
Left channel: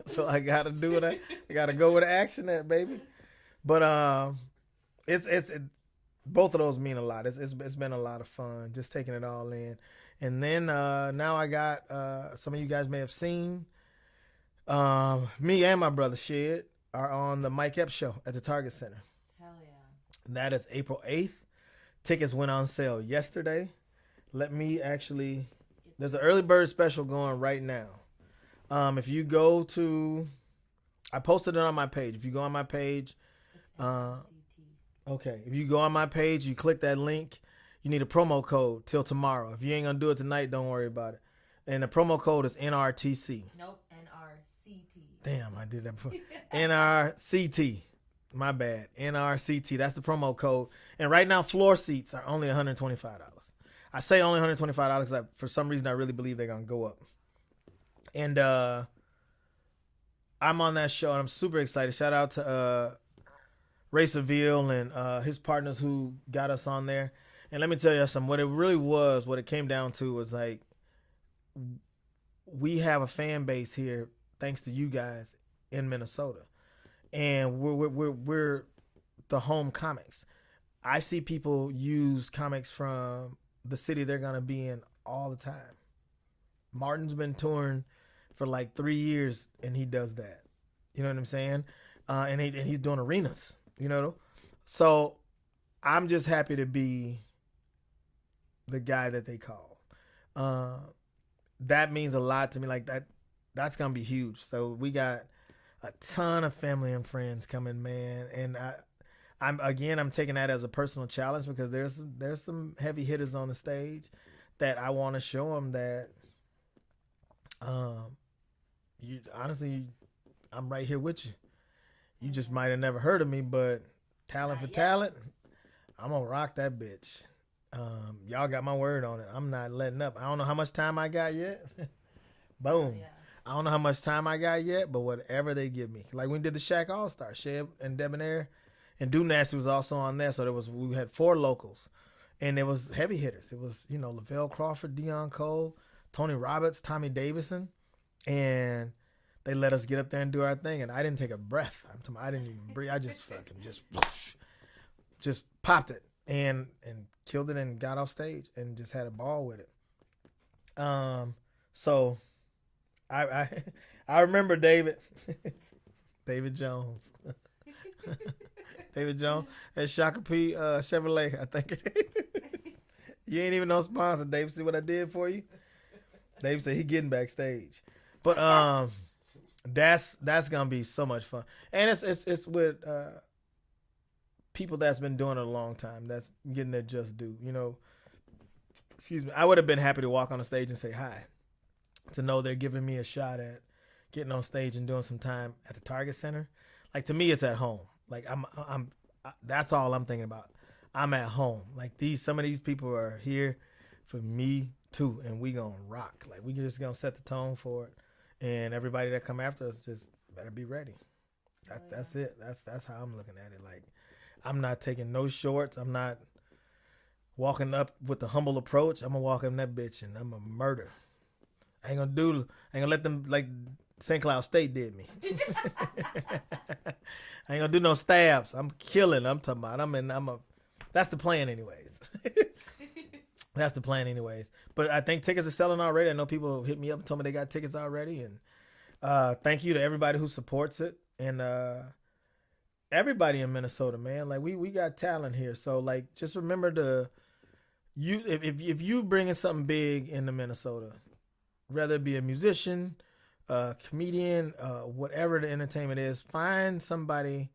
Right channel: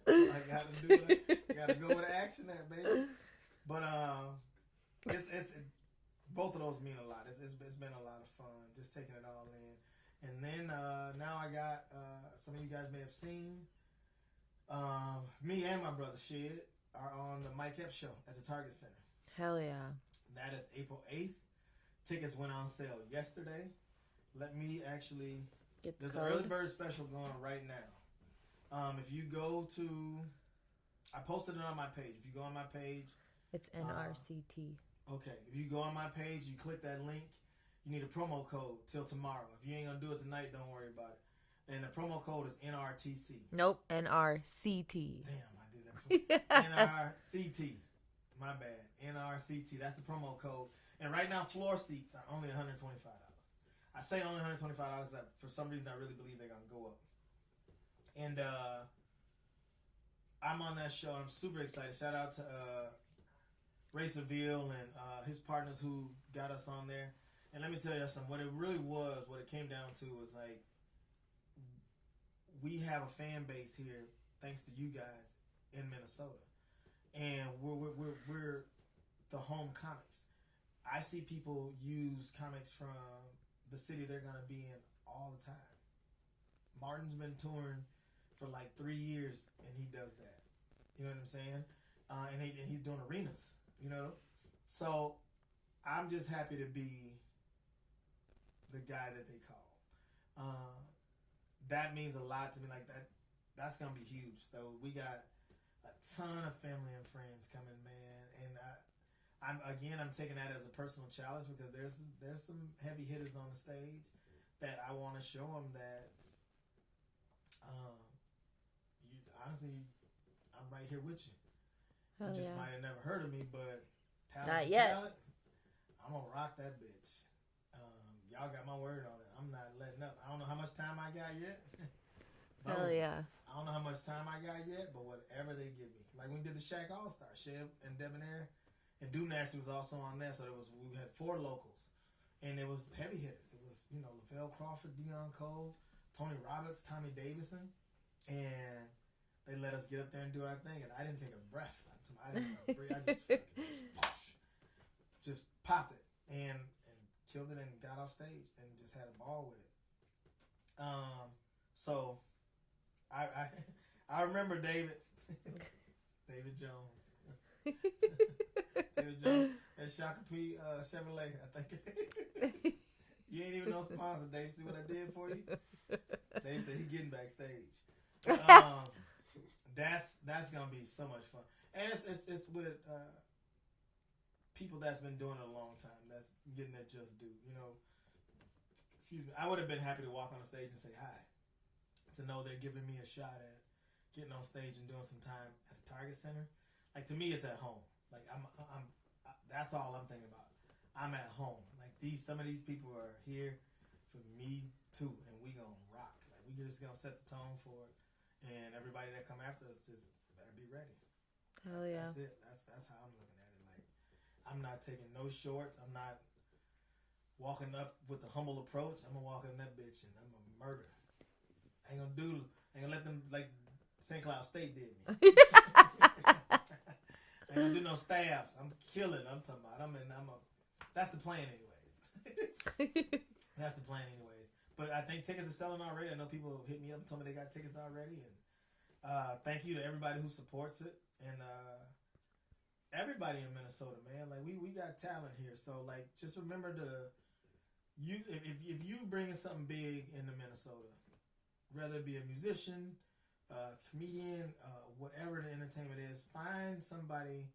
So I gotta do it. I gotta go where the action at, baby. But it's both of those mean a lot. It's been a lot of fun just taking it all in. And then now I got some of you guys may have seen me and my brother Shed are on the Mike Epps show at the Target Center. Hell yeah. That is April 8th. Tickets went on sale yesterday. Let me actually there's an early bird special going right now. If you go to I posted it on my page. If you go on my page, it's NRCT. Okay, if you go on my page, you click that link, you need a promo code till tomorrow. If you ain't gonna do it tonight, don't worry about it. And the promo code is NRTC. Nope, NRCT. Damn, I did that before. NRCT. My bad. NRCT. That's the promo code. And right now, floor seats are only $125. I say only $125 because for some reason I really believe they're gonna go up. And I'm on that show and I'm super excited. Shout out to Ray Seville and his partners who got us on there. And let me tell you something. What it came down to was like, we have a fan base here thanks to you guys in Minnesota, and we're the home comics. I see people use comics from the city they're gonna be in all the time. Martin's been touring for like 3 years, and he does that. You know what I'm saying? And he's doing arenas. You know, so I'm just happy to be the guy that they call. That means a lot to me. Like that's gonna be huge. So we got a ton of family and friends coming, man. And I'm taking that as a personal challenge because there's some heavy hitters on the stage that I want to show them that. You honestly, I'm right here with you. You just might have never heard of me, but talent for talent, I'm gonna rock that bitch. Y'all got my word on it. I'm not letting up. I don't know how much time I got yet, Boom. yeah. I don't know how much time I got yet, but whatever they give me. Like we did the Shaq All Star, Sheb and Debonair, and Do Nasty was also on there. So we had 4 locals, and it was heavy hitters. It was Lavelle Crawford, Deion Cole, Tony Roberts, Tommy Davidson, and they let us get up there and do our thing. And I didn't take a breath. I didn't even breathe. I just fucking just popped it and killed it and got off stage and just had a ball with it. So I remember David Jones. David Jones at Shakopee Chevrolet, I think it is. You ain't even no sponsor, David. See what I did for you? David said he getting backstage. But that's gonna be so much fun. And it's with people that's been doing it a long time, that's getting their just due. Excuse me. I would have been happy to walk on the stage and say hi. To know they're giving me a shot at getting on stage and doing some time at the Target Center. Like, to me, it's at home. Like, that's all I'm thinking about. I'm at home. Like, some of these people are here for me too, and we gonna rock. Like, we just gonna set the tone for it, and everybody that come after us just better be ready. That's it. That's how I'm looking at it. Like, I'm not taking no shorts. I'm not walking up with the humble approach. I'm gonna walk in that bitch and I'm gonna murder. I ain't gonna let them like St. Cloud State did me. I ain't gonna do no stabs. I'm killing. I'm talking about. That's the plan, anyways. That's the plan, anyways. But I think tickets are selling already. I know people hit me up and told me they got tickets already. And thank you to everybody who supports it and everybody in Minnesota, man. Like we got talent here. So like, just remember if you bringing something big into Minnesota, whether it be a musician, comedian, whatever the entertainment is, find somebody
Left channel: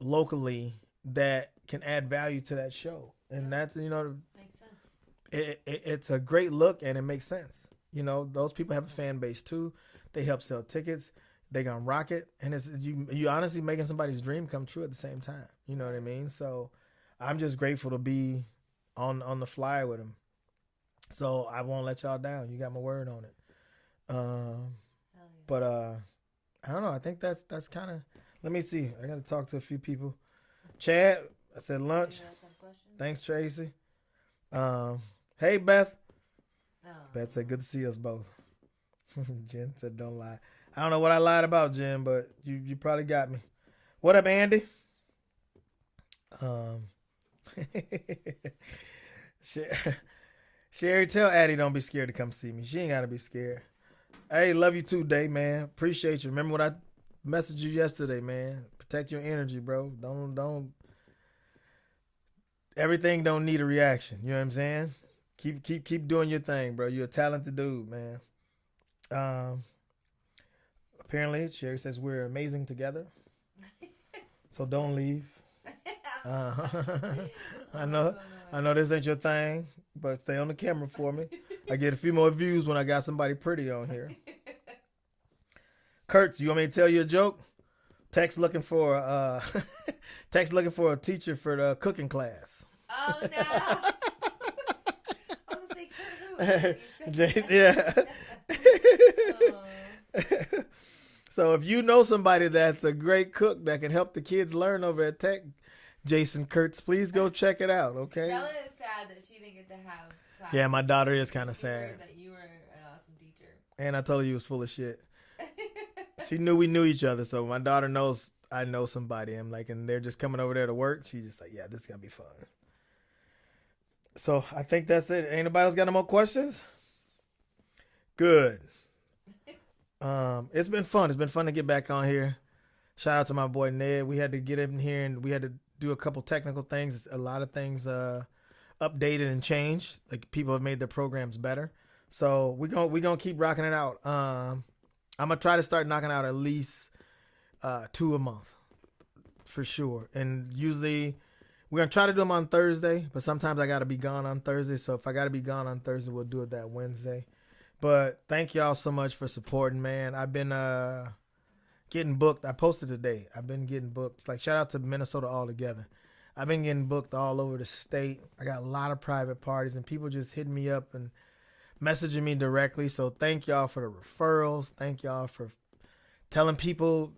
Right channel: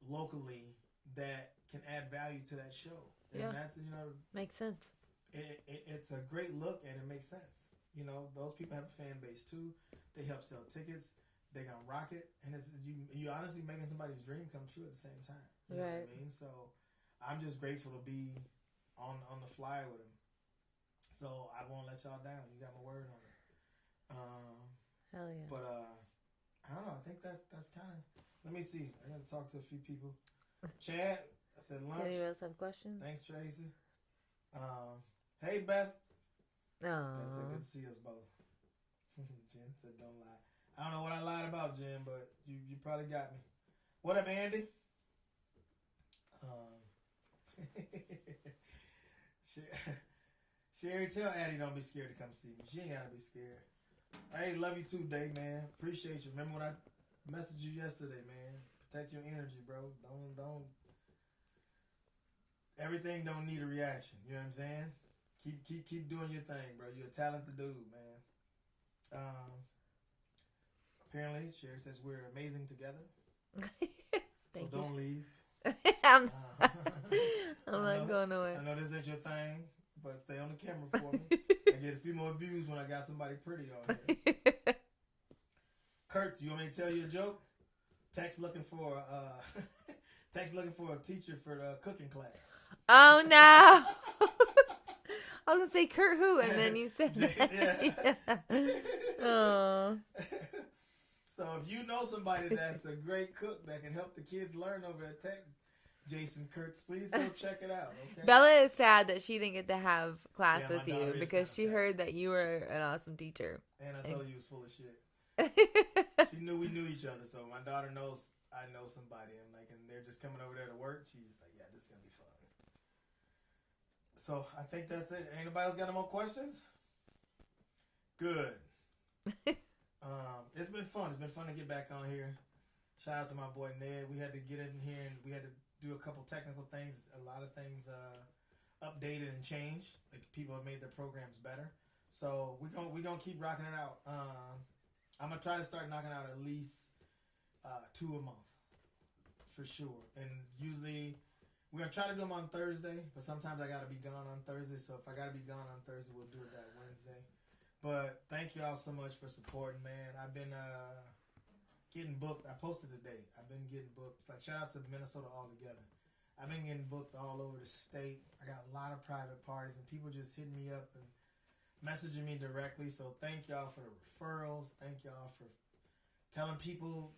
locally that can add value to that show. And that's, makes sense. It's a great look and it makes sense. Those people have a fan base too. They help sell tickets. They gonna rock it. And it's you honestly making somebody's dream come true at the same time. You know what I mean? So I'm just grateful to be on the flyer with them. So I won't let y'all down. You got my word on it. Hell yeah. But I don't know. I think that's kind of. Let me see. I got to talk to a few people. Chad, I said lunch. Anybody else have questions? Thanks, Tracy. Hey, Beth. Oh. Beth said, good to see us both. Jen said, don't lie. I don't know what I lied about, Jen, but you probably got me. What up, Andy? Sherry, tell Addie don't be scared to come see me. She ain't got to be scared. Hey, love you too, Day, man. Appreciate you. Remember what I messaged you yesterday, man. Protect your energy, bro. Don't. Everything don't need a reaction. You know what I'm saying? Keep doing your thing, bro. You're a talented dude, man. Apparently, Sherry says we're amazing together. So don't leave. I know this ain't your thing, but stay on the camera for me. I get a few more views when I got somebody pretty on here. Kurtz, you want me to tell you a joke? Tex looking for a teacher for the cooking class. Oh no. I was gonna say Kurt who, and then you said yeah. So if you know somebody that's a great cook that can help the kids learn over at Tech, Jason Kurtz, please go check it out, okay? Bella is sad that she didn't get to have class. Yeah, my daughter is kind of sad. She heard that you were an awesome teacher. And I told her you was full of shit. She knew we knew each other, so my daughter knows I know somebody. I'm like, and they're just coming over there to work. She's just like, yeah, this is going to be fun. So I think that's it. Ain't nobody else got no more questions? Good. It's been fun. It's been fun to get back on here. Shout out to my boy Ned. We had to get in here and we had to do a couple technical things. A lot of things updated and changed. Like people have made their programs better. So we're gonna keep rocking it out. I'm gonna try to start knocking out at least 2 a month for sure. And usually we're gonna try to do them on Thursday, but sometimes I gotta be gone on Thursday. So if I gotta be gone on Thursday, we'll do it that Wednesday. But thank y'all so much for supporting, man. I've been getting booked. I posted today. I've been getting booked. It's like shout out to Minnesota altogether. I've been getting booked all over the state. I got a lot of private parties and people just hitting me up and messaging me directly. So thank y'all for the referrals. Thank y'all for telling people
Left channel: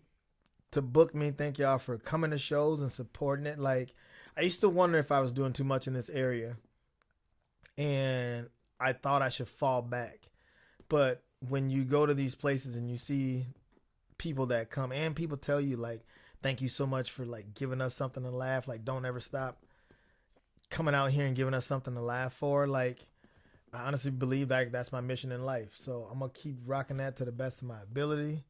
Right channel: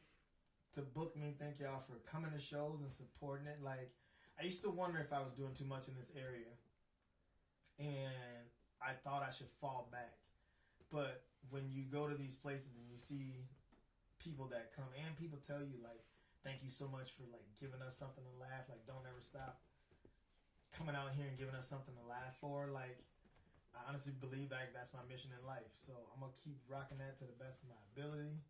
to book me. Thank y'all for coming to shows and supporting it. Like, I used to wonder if I was doing too much in this area, and I thought I should fall back. But when you go to these places and you see people that come, and people tell you, like, thank you so much for, like, giving us something to laugh. Like, don't ever stop coming out here and giving us something to laugh for. Like, I honestly believe that that's my mission in life. So I'm going to keep rocking that to the best of my ability.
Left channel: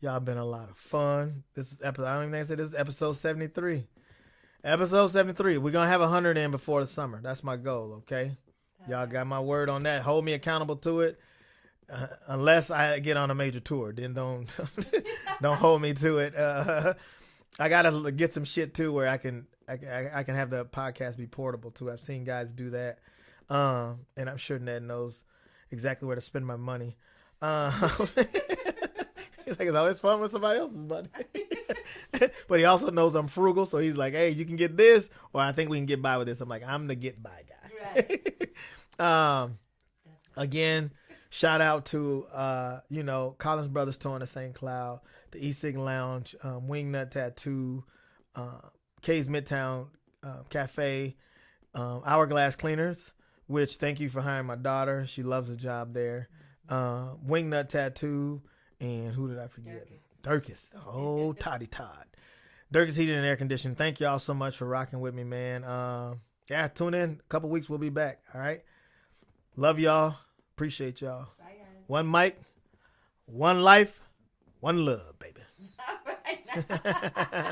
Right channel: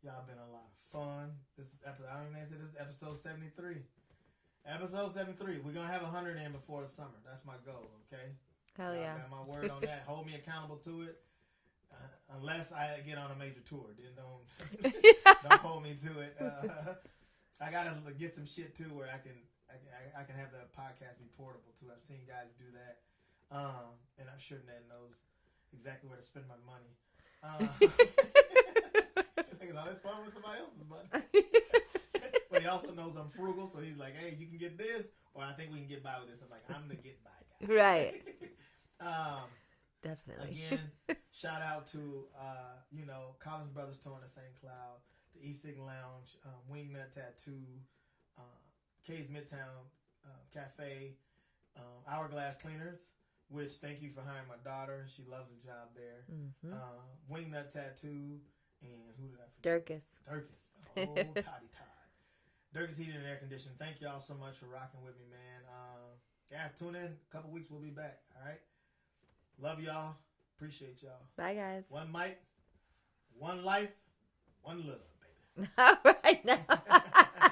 Y'all been a lot of fun. This is episode, I don't even think I said this is episode 73. Episode 73. We're going to have 100 in before the summer. That's my goal, okay? Hell Y'all yeah. got my word on that. Hold me accountable to it. Unless I get on a major tour, then don't hold me to it. I gotta get some shit too where I can have the podcast be portable too. I've seen guys do that, and I'm sure Ned knows exactly where to spend my money. It's like it's always fun with somebody else's money. But he also knows I'm frugal, so he's like, "Hey, you can get this, or I think we can get by with this." I'm like, "I'm the get by guy." Right. Definitely. Again, shout out to Collins Brothers Tour in St. Cloud, the E-Sig Lounge, Wingnut Tattoo, K's Midtown Cafe, Hourglass Cleaners, which thank you for hiring my daughter. She loves the job there. Mm-hmm. Wingnut Tattoo, and who did I forget? Durkis. Oh, Toddy Todd. Durkis Heating and Air Conditioning. Thank y'all so much for rocking with me, man. Tune in. A couple weeks, we'll be back. All right. Love y'all. Appreciate y'all. Bye, guys. One mic, one life, one love, baby. All right.